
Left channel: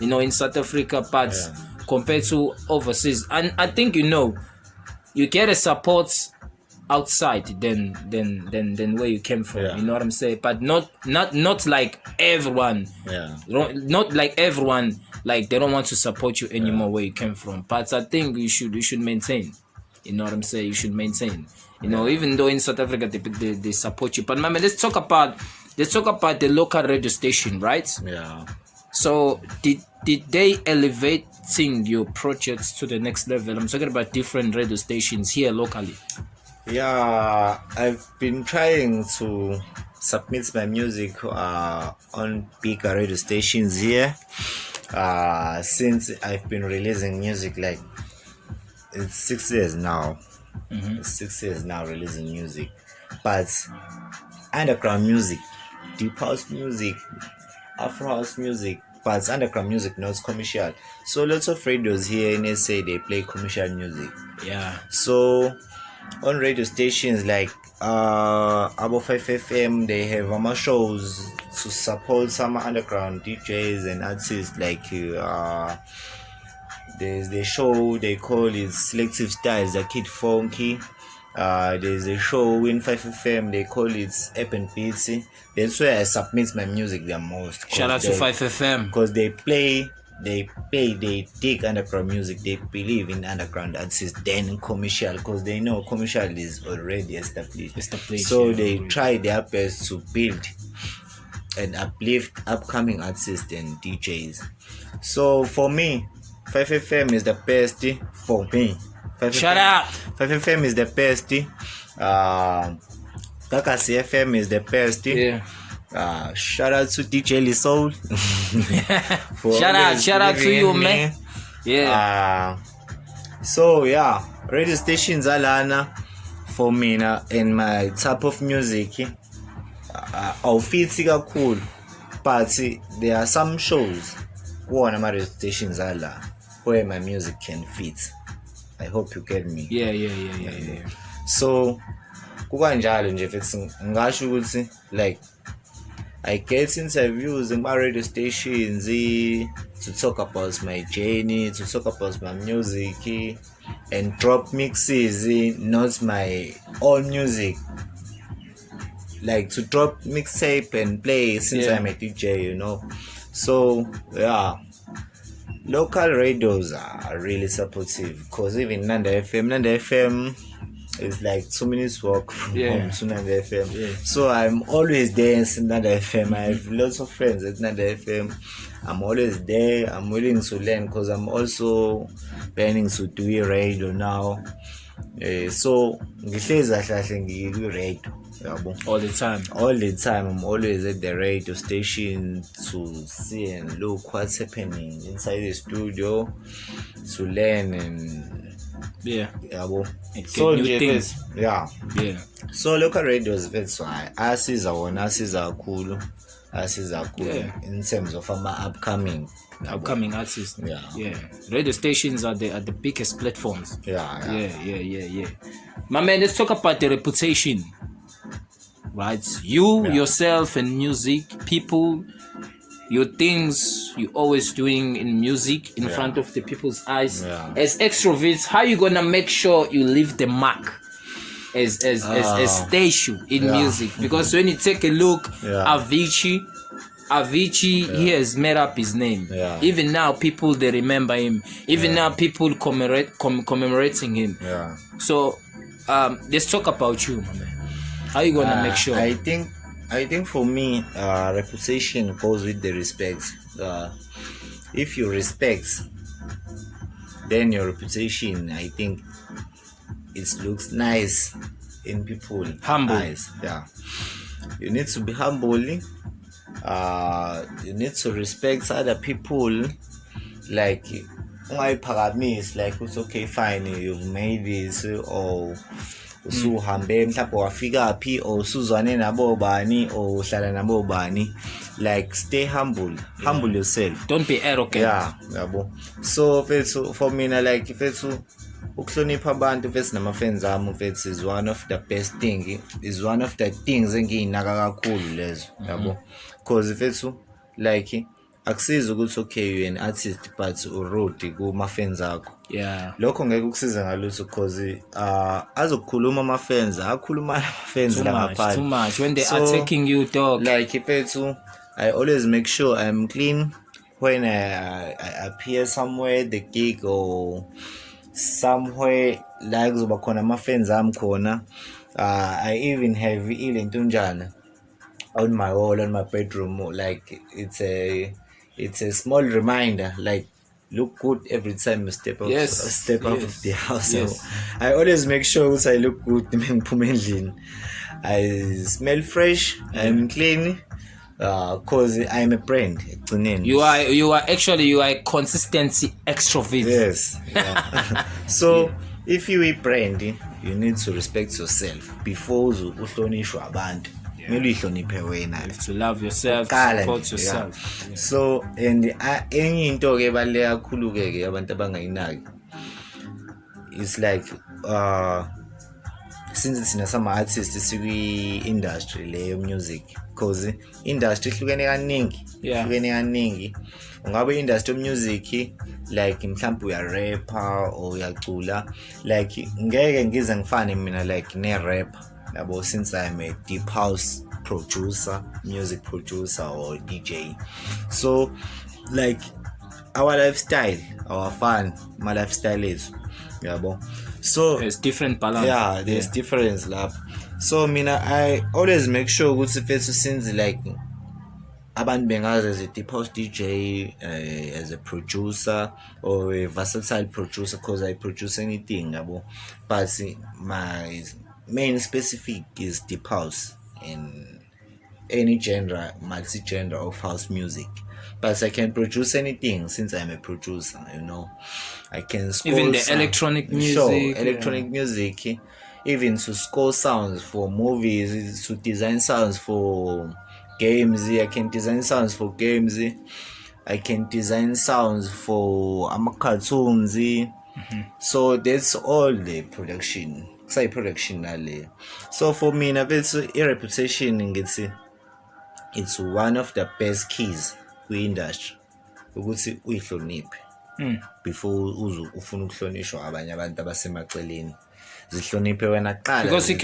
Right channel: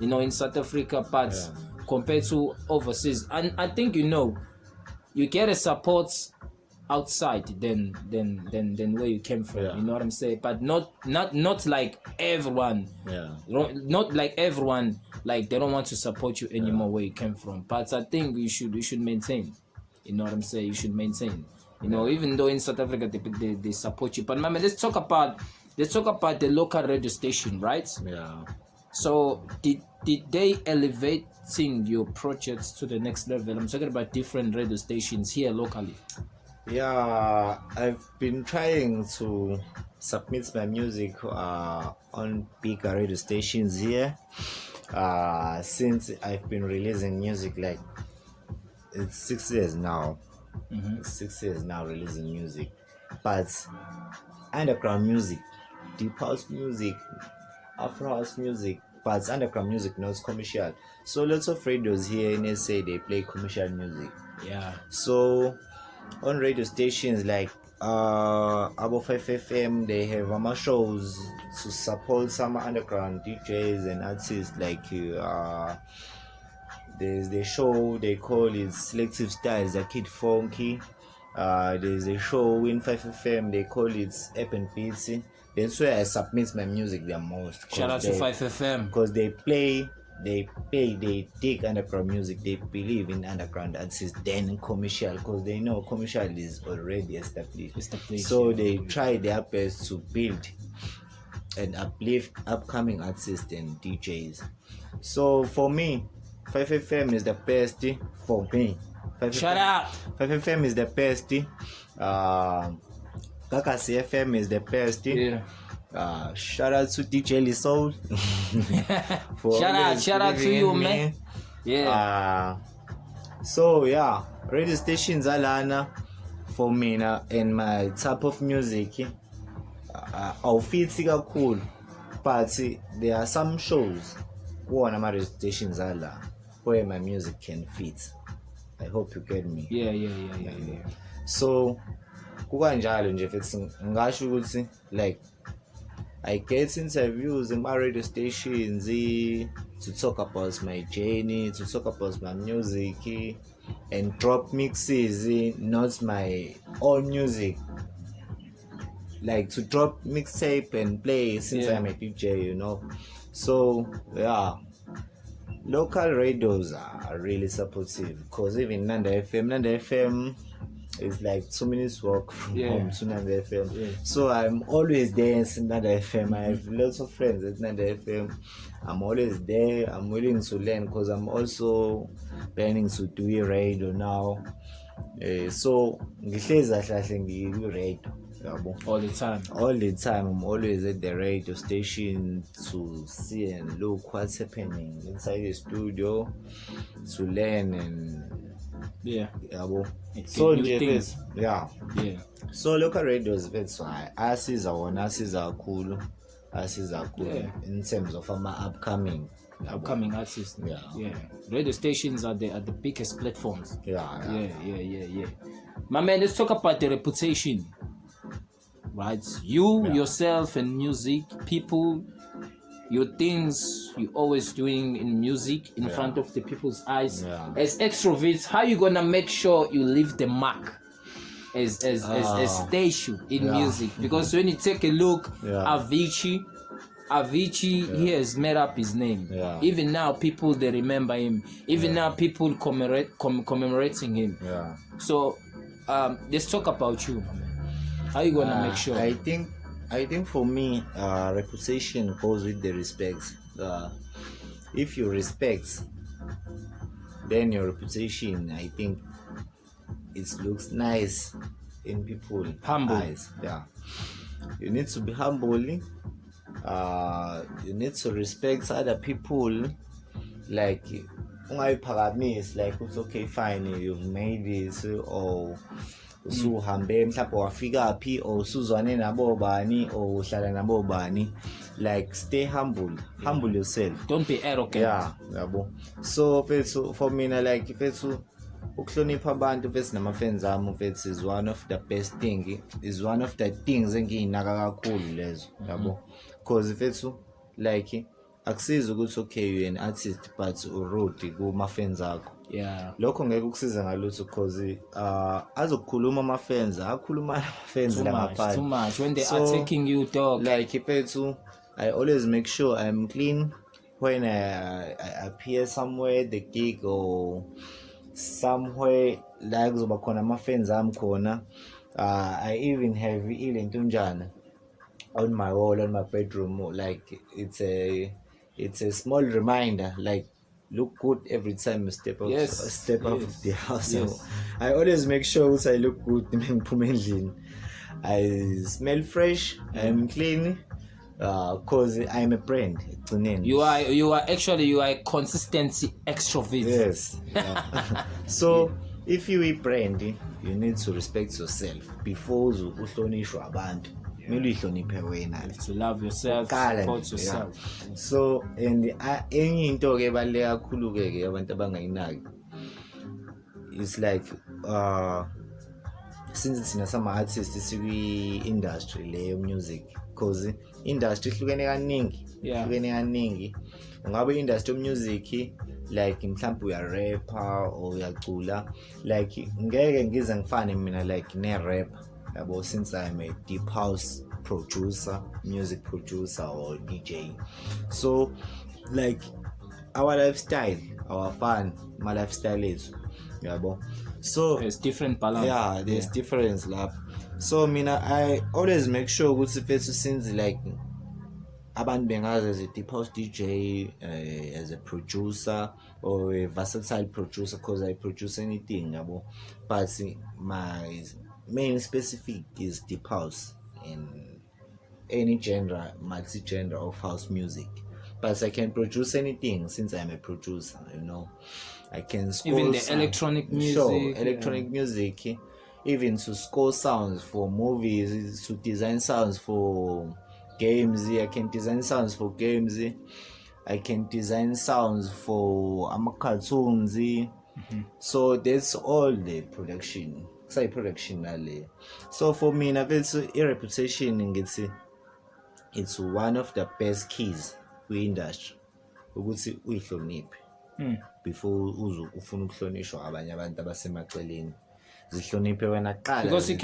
in South Africa, but compared to overseas, and I think you get a support outside than where you came from. You know what I'm saying? But not like everyone. Not like everyone, like they don't want to support you anymore where you came from. But I think you should maintain. You know what I'm saying? You should maintain. Even though in South Africa they support you. But man, let's talk about the local radio station, right? Yeah. So did they elevating your projects to the next level? I'm talking about different radio stations here locally. Yeah, I've been trying to submit my music on bigger radio stations here since I've been releasing music. Like it's 6 years now. It's 6 years now releasing music, but underground music, deep house music, Afro house music, but it's underground music, not commercial. So lots of radios here in SA, they play commercial music. Yeah. So on radio stations like Abo 5 FM, they have shows to support some underground DJs and artists. Like there's the show they call it Selective Styles, the Kid Funky. There's a show in 5 FM, they call it Urban Beats. That's where I submit my music the most. Shout out to 5 FM. Because they dig underground music. They believe in underground artists than commercial, because they know commercial is already established. So they try their best to build and uplift upcoming artists and DJs. So for me, 5 FM is the best for me. 5 FM is the best. Kakasi FM is the best. Shout out to DJ Lisol. shout out to you, man. So yeah, radio stations alana for me in my type of music. Awufiti kakhulu, but there are some shows on my radio stations ala where my music can fit. I hope you get me. Yeah. So kukanjalo nje futhi ngisho ukuthi like I get interviews in my radio stations to talk about my journey, to talk about my music, and drop mixes, not my own music. Like to drop mixtape and play since I'm a DJ, So yeah, local radios are really supportive because even Nanda FM is like 2 minutes walk from home to Nanda FM. Yeah. So I'm always there in Nanda FM. I have lots of friends at Nanda FM. I'm always there. I'm willing to learn because I'm also planning to do a radio now. So All the time. All the time, I'm always at the radio station to see and look what's happening inside the studio, to learn and so new things. Yeah. So local radios, that's why asiza kakhulu in terms of upcoming artists. Yeah. Radio stations are the biggest platforms. Yeah. My man, let's talk about the reputation. Right, yourself and music, people, your things you always doing in music in front of the people's eyes. As extroverts, how you gonna make sure you leave the mark as station in music? Because when you take a look, Avicii, he has made up his name. Even now, people they remember him. Even now, people commemorating him. So, let's talk about you, my man. How you gonna make sure? I think for me, reputation goes with the respect. If you respect, then your reputation, I think, it looks nice in people. Humble. Eyes. You need to be humble. You need to respect other people. Like, it's like it's okay, fine, you've made this, or usuhambe mhlawumbe wafika phi or usuzwane nabo bani or uhlala nabo bani. Like, stay humble yourself, don't be arrogant. Yabo. So for me, like, ukuhlonipha abantu namafriends ami is one of the best thing, is one of the things engiyinaka kakhulu lezo, yabo. Because like, akusiza ukuthi okay you an artist but urude kuma-fans akho. Lokho ngeke kusiza ngalutho because azokukhuluma ama-fans, akhuluma ama-fans langaphandle too much when they are taking you, dog. Like, I always make sure I'm clean when I appear somewhere, the gig or somewhere like zoba khona ama-fans ami khona. I even have ilentunjana on my wall, on my bedroom. Like, it's a small reminder, like, look good every time you step out of the house. So I always make sure I look good. I smell fresh, I'm clean, cause I'm a brand. You are a consistency extrovert. Yes. So if you a brand, you need to respect yourself before you uhlonishwa abantu. You have to love yourself, support yourself. So, and enye into ke baleka kakhulu ke abantu abangayinaki, it's like since sina some artists sikwi industry le music, because industry ihlukene kaningi. Ungabe industry music, like mhlawumbe uya rapper or uyacula, like ngeke ngize ngifane mina like ne rapper. Since I'm a deep house producer, music producer or DJ, so like our lifestyle, my lifestyle is, so there's different balance. There's difference lap. So I always make sure good since like abantu bengazi as a deep house DJ, as a producer or a versatile producer, because I produce anything, but my main specific is deep house in any genre, multi-genre of house music. But I can produce anything since I'm a producer, I can score even the electronic music. Electronic music, even to score sounds for movies, to design sounds for games. I can design sounds for games. I can design sounds for cartoons. So that's all the production. So for me, a reputation, it's one of the best keys we industry ukuthi uyihloniphe before ufuna ukuhlonishwa abanye abantu abasemaceleni. Zihloniphe wena qala, because you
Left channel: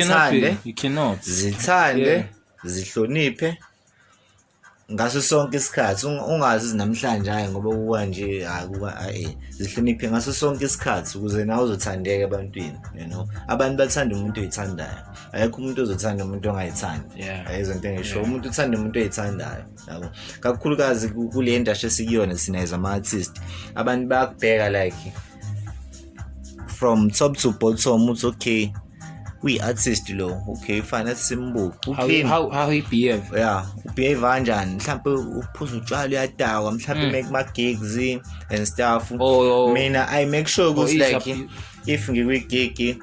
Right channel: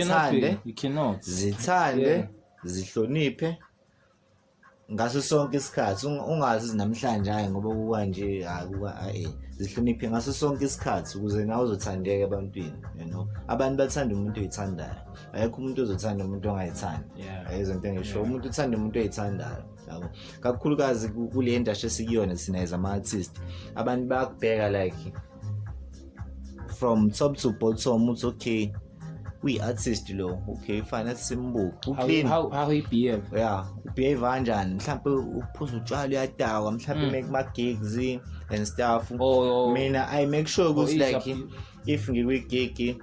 cannot zithande, zihloniphe, ngaso sonke isikhathi ungazi namhlanje hayi ngoba kuwa nje zihloniphe ngaso sonke isikhathi ukuze nawe uzothandeka ebantwini, you know. Abantu bathanda umuntu oyithandayo, ayikho umuntu ozothanda umuntu ongayithandi. Ayizonto engisho, umuntu uthanda umuntu oyithandayo, yabo. Kakhulukazi kule industry esikuyona sina as ama-artist, abantu bayakubheka like from top to bottom. It's okay, we artist lo, okay fine, simbuku how he behave, behave kanjani, mhlawumbe uphuza utshwala uyadawa, mhlawumbe make ma gigs and stuff. Mina I make sure ukuthi like if ngikwi-gig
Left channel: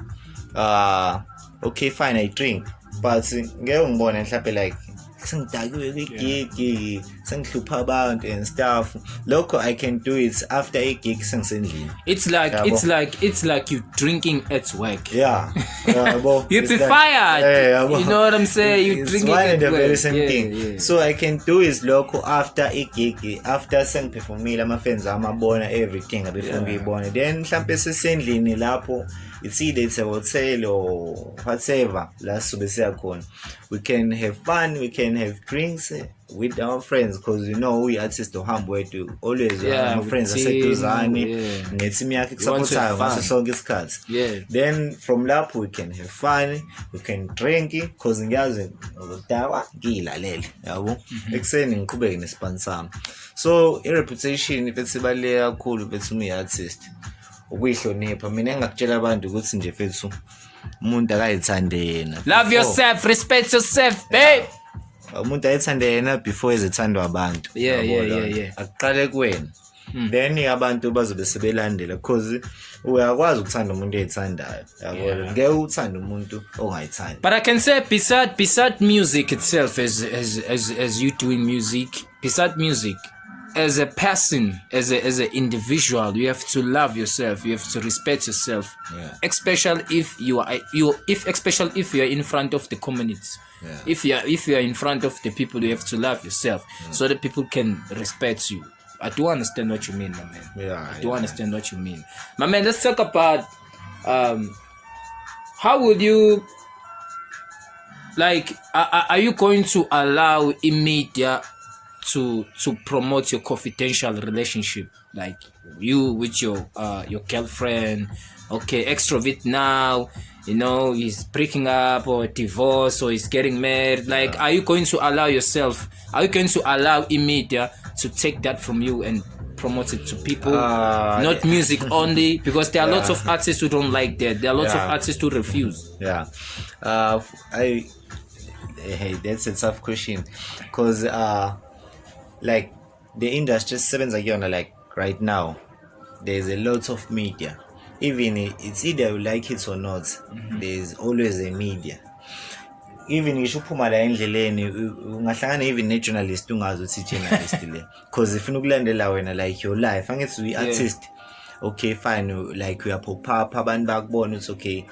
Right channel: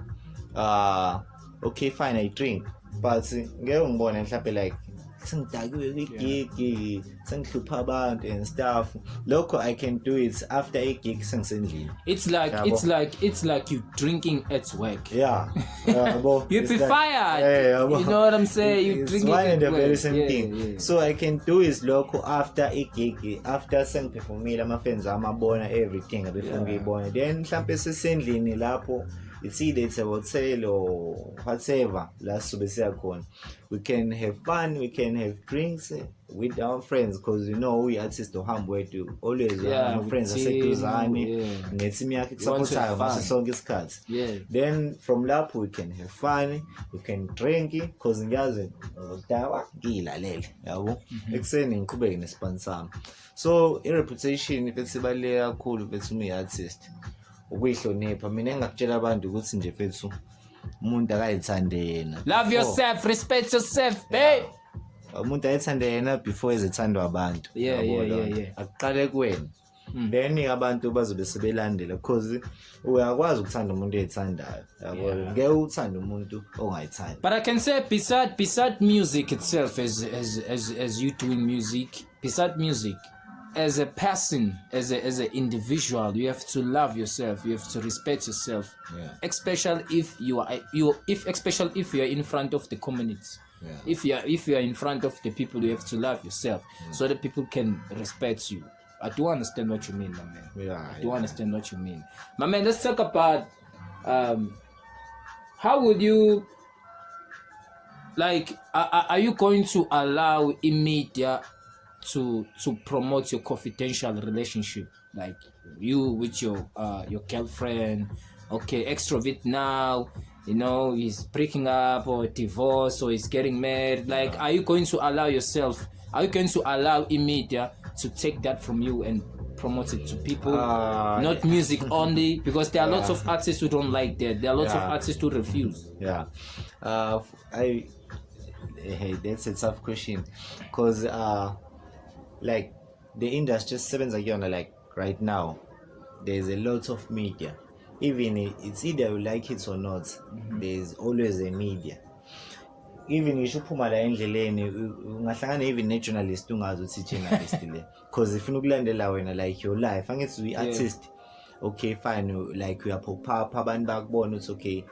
okay fine I drink, but ngeke ngibone mhlawumbe like sengidakiwe kwi-gig sengihlupha abantu and stuff. Lokho I can do it after a gig sengisendlini. It's like you drinking at work. You'd be fired. You know what I'm saying? You drinking one at and the work. very same thing. So I can do is lokho after a gig, after sengiperformile ama-fans amabona everything before ngiyibone. Then mhlawumbe sesendlini lapho, it's either it's a hotel or whatever, la sobe siyakhona, we can have fun, we can have drinks with our friends, because you know we artists ohamba wethu always our friends aseduzane ne-team yakhe kusupportayo ngaso sonke isikhathi. Then from lapho we can have fun, we can drink, because ngiyazi ngodawa ngiyilalele, yabo. Ekuseni ngiqhubeke nespan sami. So i-reputation ifethi ibaluleke kakhulu fethu uyi-artist, ukuyihlonipha. Mina engakutshela abantu ukuthi nje fethu umuntu akayithande yena. Love yourself, respect yourself, babe. Umuntu ayithande yena before ezithandwa abantu. Akuqale kuwena, then abantu bazobe sebelandela, because uyakwazi ukuthanda umuntu oyithandayo, yabo. Ngeke uthande umuntu ongayithandi. But I can say beside music itself, as you doing music, beside music, as a person, as an individual, you have to love yourself. You have to respect yourself, especially if you are in front of the community. If you are in front of the people, you have to love yourself so that people can respect you. I do understand what you mean, my man. I do understand what you mean, my man. Let's talk about how would you like? Are you going to allow media to promote your confidential relationship, like you with your girlfriend? Okay, Xtrovet now, you know, he's breaking up or divorced or he's getting married. Like, are you going to allow media to take that from you and promote it to people, not music only? Because there are lots of artists who don't like that. There are lots of artists who refuse. Hey, that's a tough question, because like the industry sebenza like right now, there's a lot of media. Even it's either you like it or not, there's always a media. Even you should phuma la endleleni ungahlangana even ne-journalist ungazi ukuthi journalist le, because if unokulandela wena like your life angithi uyi-artist, okay fine, like we are pop up, abantu bakubona ukuthi okay,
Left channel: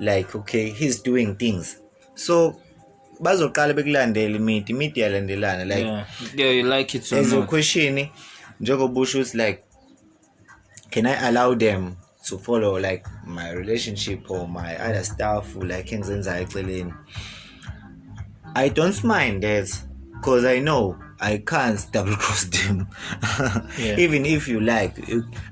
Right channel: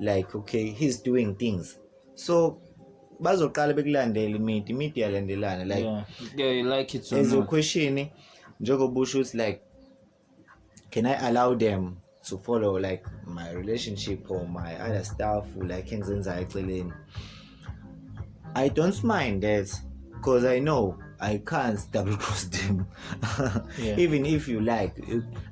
like okay he's doing things, so bazoqala bekulandela imedia yalandelana like you like it or as not. a question njengoba usho ukuthi like, can I allow them to follow like my relationship or my other stuff, like engizenzayo eceleni? I don't mind that, because I know I can't double cross them. Even if you like,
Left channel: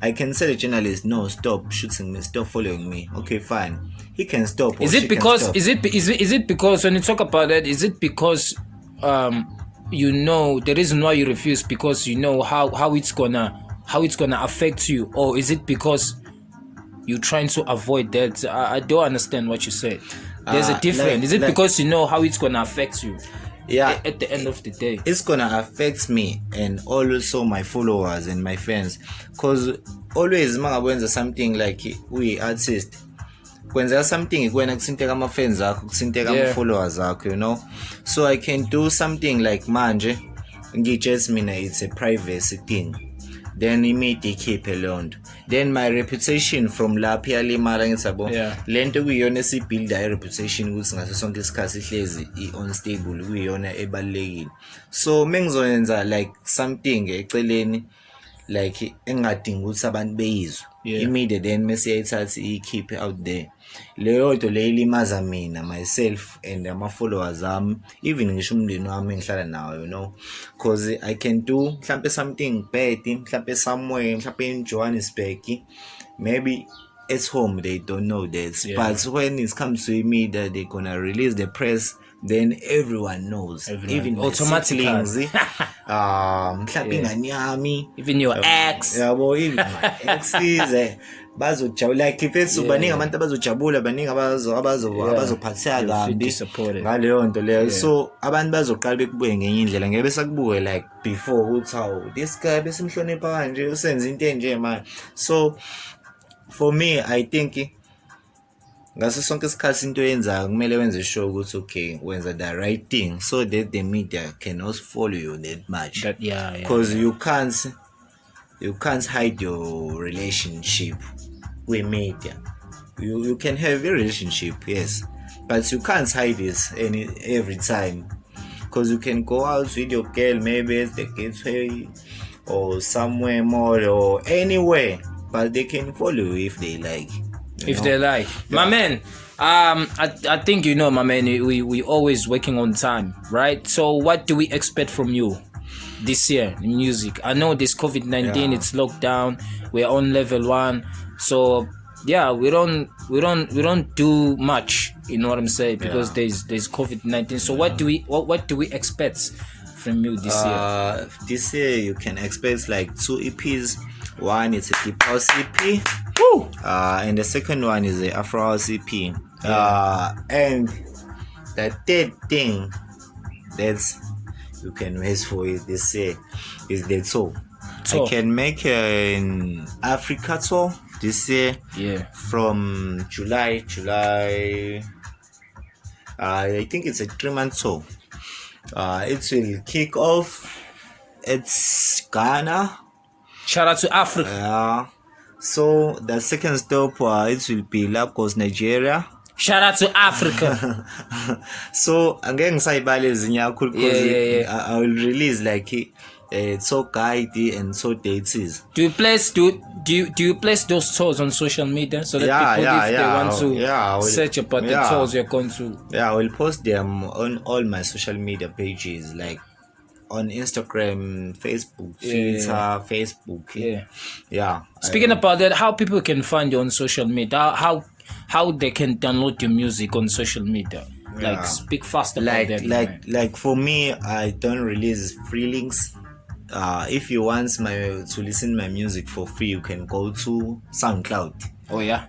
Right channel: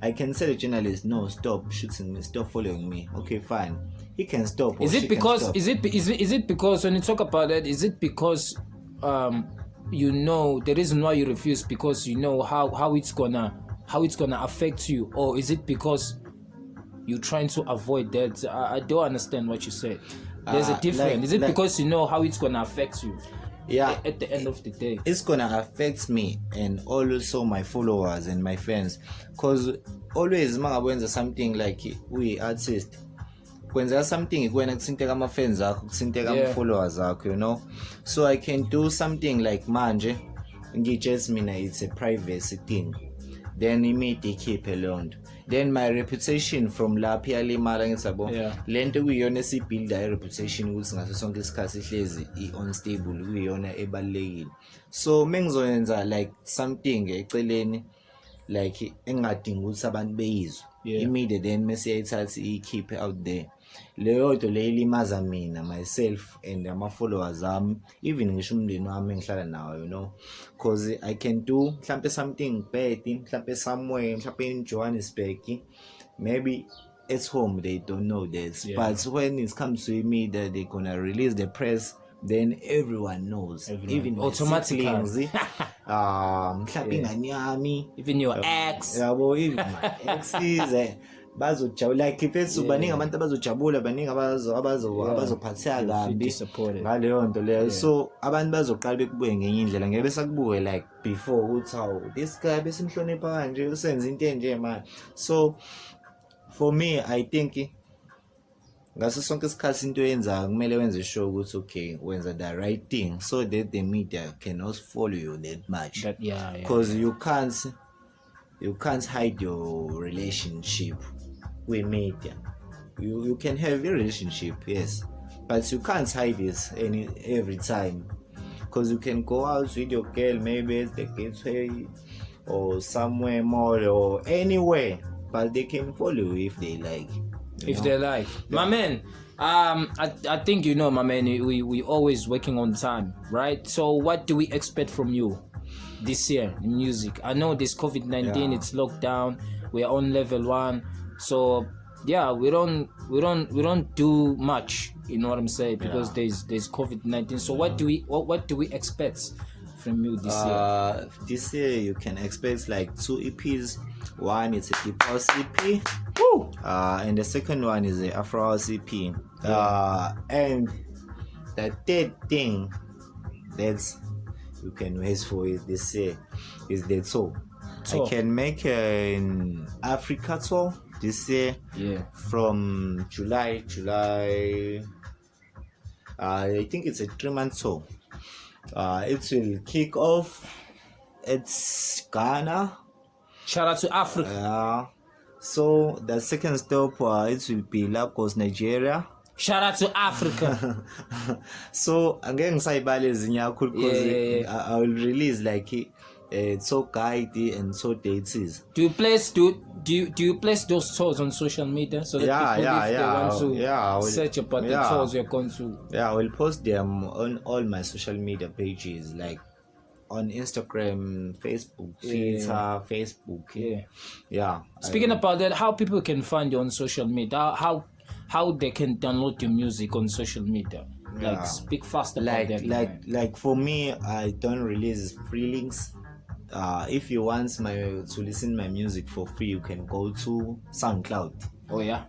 I can say the journalist, no, stop shooting me, stop following me. Okay, fine, he can stop. Is it because when you talk about that, is it because you know the reason why you refuse because you know how it's gonna affect you, or is it because you're trying to avoid that? I don't understand what you said. There's a difference. Is it because you know how it's gonna affect you? At the end of the day, it's gonna affect me and also my followers and my fans, because always mangakwenza something like we artists, kwenzeka something kwena kusinteka ama-fans akho, kusinteka ama-followers akho, you know. So I can do something like manje ngijudge mina, it's a privacy thing, then imedia ikhiphe leyo nto, then my reputation from lapho iyalimala. Ngithi yabo lento kuyiyona esibuilda i-reputation ukuthi ngaso sonke isikhathi ihlezi i-unstable, kuyiyona ebalulekile. So mengizoyenza like something eceleni like engadingi ukuthi abantu beyizwe, immediate then message keep out there. Leyo nto le ilimaza mina myself and ama-followers ami, even ngisho umndeni wami engihlala nawo, you know, because I can do mhlampe something bad mhlampe somewhere mhlampe in Johannesburg, maybe at home they don't know that, but when it comes to me that they're gonna release the press, then everyone knows, even automatically. Mhlampe ingane yami, even your ex, yabo, even my exes bazojabula, like ifethu baningi abantu abazojabula, baningi abazophatheka kabi ngaleyo nto leyo. So abantu bazoqala bekubuke ngenye indlela, ngeke besakubuke like before uthi hawu this guy besimhlonipha kanje usenza into enje manje. So for me I think ngaso sonke isikhathi into yenzayo kumele wenze sure ukuthi okay wenza the right thing so that the media can also follow you that much, because you can't hide your relationship with media. You can have a relationship, yes, but you can't hide it every time, because you can go out with your girl maybe at the gateway or somewhere more or anywhere, but they can follow you if they like. They like. My man, I think you know, my man, we always working on time, right? So what do we expect from you this year in music? I know this COVID-19, it's lockdown, we're on level 1, so yeah, we don't do much, you know what I'm saying, because there's COVID-19. So what do we expect from you this year? This year you can expect like 2 EPs. One is a deep house EP, and the second one is the Afro house EP. And the third thing that's you can wait for it this year is the tour. I can make an Africa tour this year. From July. I think it's a 3-month tour. It will kick off. It's Ghana. Shout out to Africa. So the second stop it will be Lagos, Nigeria. Shout out to Africa. So angeke ngisayibale ezinye kakhulu because I will release like so guide and so dates. Do you place those tours on social media so that people if they want to search about the tours you're going to? I will post them on all my social media pages, like on Instagram, Facebook, Twitter, Facebook. Speaking about that, how people can find you on social media? How they can download your music on social media? Like speak fast about that. Like for me, I don't release free links. If you want to listen my music for free, you can go to SoundCloud.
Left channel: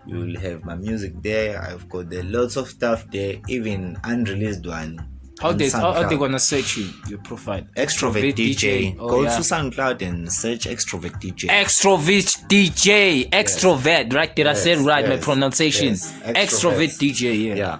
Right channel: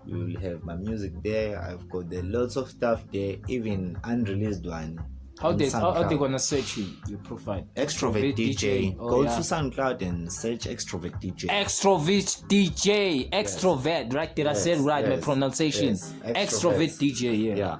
You will have my music there. I've got lots of stuff there, even unreleased one. How they gonna search your profile? Xtrovet DJ. Go to SoundCloud and search Xtrovet DJ. Xtrovet DJ. Xtrovet, right? Did I say right? My pronunciation. Xtrovet DJ. Yeah.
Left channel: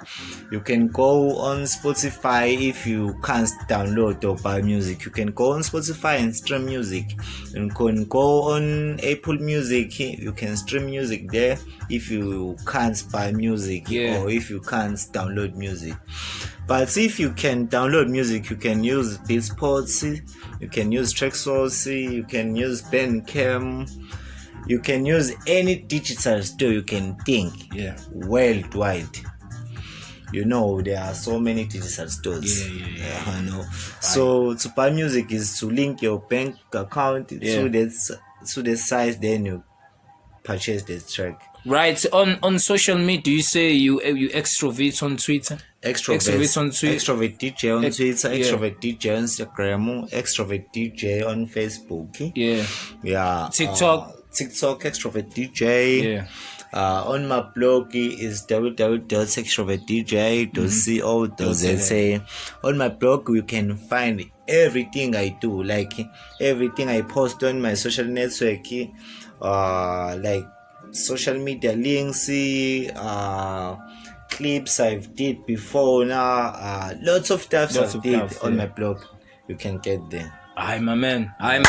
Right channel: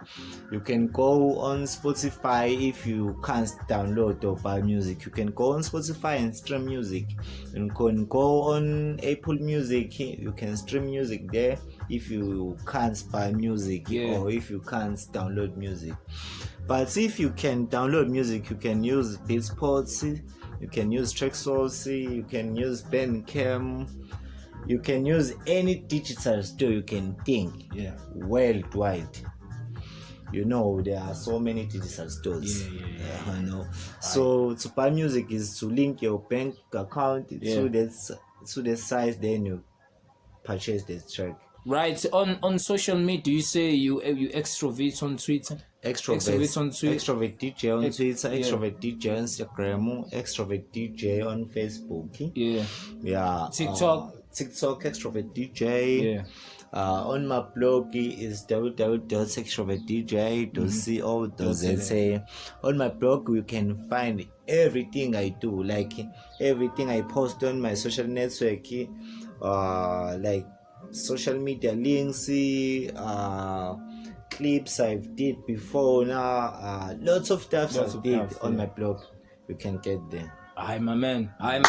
You can go on Spotify if you can't download or buy music. You can go on Spotify and stream music. You can go on Apple Music. You can stream music there if you can't buy music or if you can't download music. But if you can download music, you can use Beatsport, you can use Traxsource, you can use Bandcamp, you can use any digital store you can think worldwide. You know, there are so many digital stores. I know. So to buy music is to link your bank account to the site, then you purchase the track. Right. On social media, you say you Xtrovet on Twitter. Xtrovet on Twitter. Xtrovet DJ on Twitter. Xtrovet DJ on Instagram. Xtrovet DJ on Facebook. TikTok. Xtrovet DJ. On my blog is www.xtrovetdj.co.za. On my blog you can find everything I do, like everything I post on my social network, like social media links, clips I've did before now, lots of stuff I've did on my blog. You can get there. I'm my man. I've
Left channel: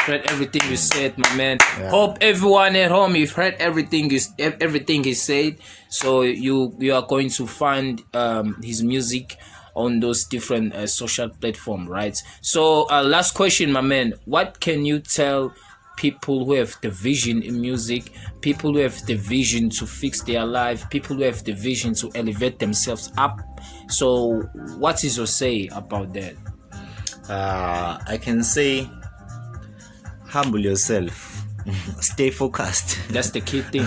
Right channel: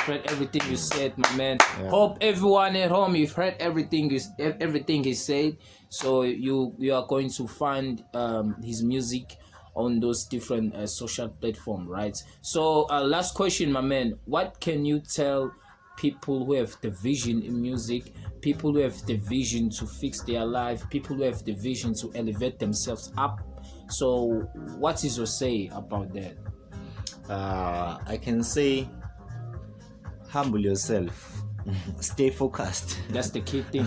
heard everything you said, my man. Hope everyone at home you've heard everything he said. So you are going to find his music on those different social platforms, right? So last question, my man. What can you tell people who have the vision in music, people who have the vision to fix their life, people who have the vision to elevate themselves up. So what is your say about that? I can say humble yourself. Stay focused. That's the key thing.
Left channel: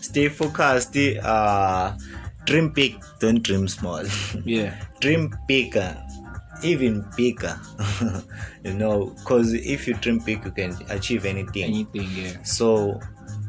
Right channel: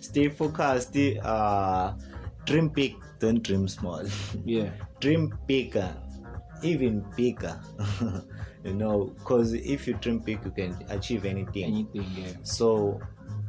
Stay focused. Dream big, don't dream small. Yeah. Dream bigger, even bigger. Because if you dream big, you can achieve anything. Anything, yeah. So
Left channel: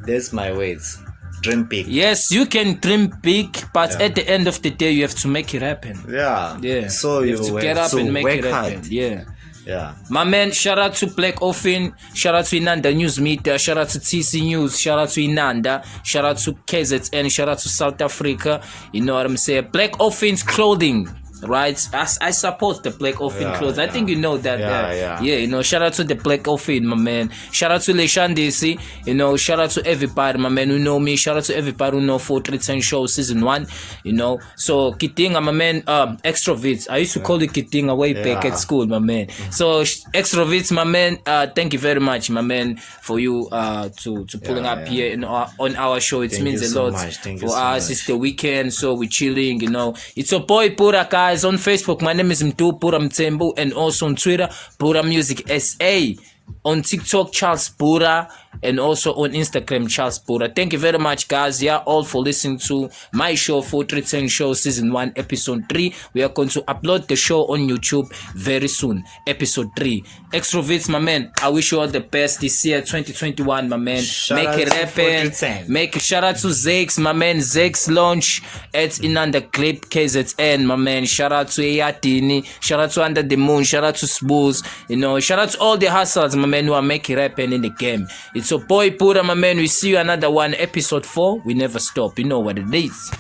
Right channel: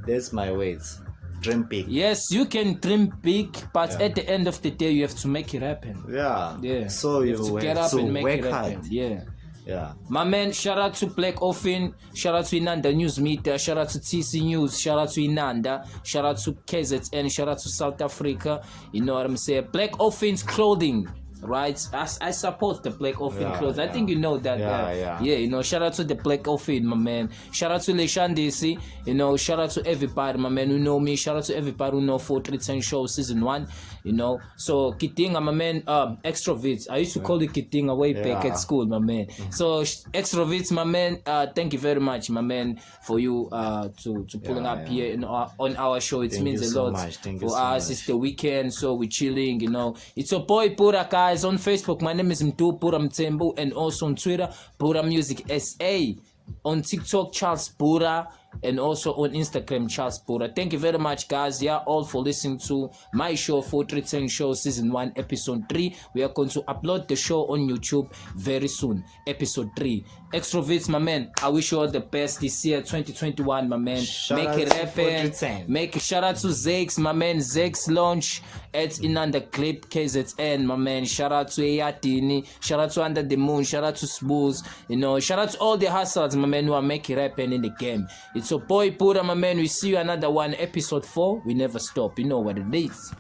that's my words. Dream big. Yes, you can dream big, but at the end of the day, you have to make it happen. Yeah. So you have to get up and make it happen. Hard. Yeah. Yeah. My man, shout out to Black Offin, shout out to Inanda News Meter, shout out to TC News, shout out to Inanda, shout out to KZN, shout out to South Africa. You know what I'm saying? Black Offin's clothing. Right, I support the Black Offin clothes. I think you know that. Yeah. Shout out to the Black Offin, my man. Shout out to Leshandisi. Shout out to everybody, my man, who know me. Shout out to everybody who know 4310 Show Season 1. So Kitinga, my man, Xtrovet. I used to call it Kitinga way back at school, my man. So Xtrovet, my man, thank you very much, my man, for you to pulling up here on our show. It means a lot for us. It's the weekend, so we're chilling. It's your boy Pura, guys. On Facebook, my name is Mtu Pura Mtembu, and also on Twitter, Pura Music SA. On TikTok, Charles Pura, and also on Instagram, Charles Pura. Thank you very much, guys. All for listening to my show, 4310 Show Season 1, Episode 3. We are going to upload the show on YouTube very soon, Episode 3. Xtrovet, my man, I wish you all the best this year, 2021, my man. Make it happen. Shout out to Zex, my man. Zex launch at Inanda Clip KZN, my man. Shout out to Eyatini. Shout out to Under the Moon. Shout out to Spoos. Shout out to all the hustlers, my man, who are making it happen in the game. It's your boy Pura, my man. We see you another one, Episode 4. We never stop. You know what it is.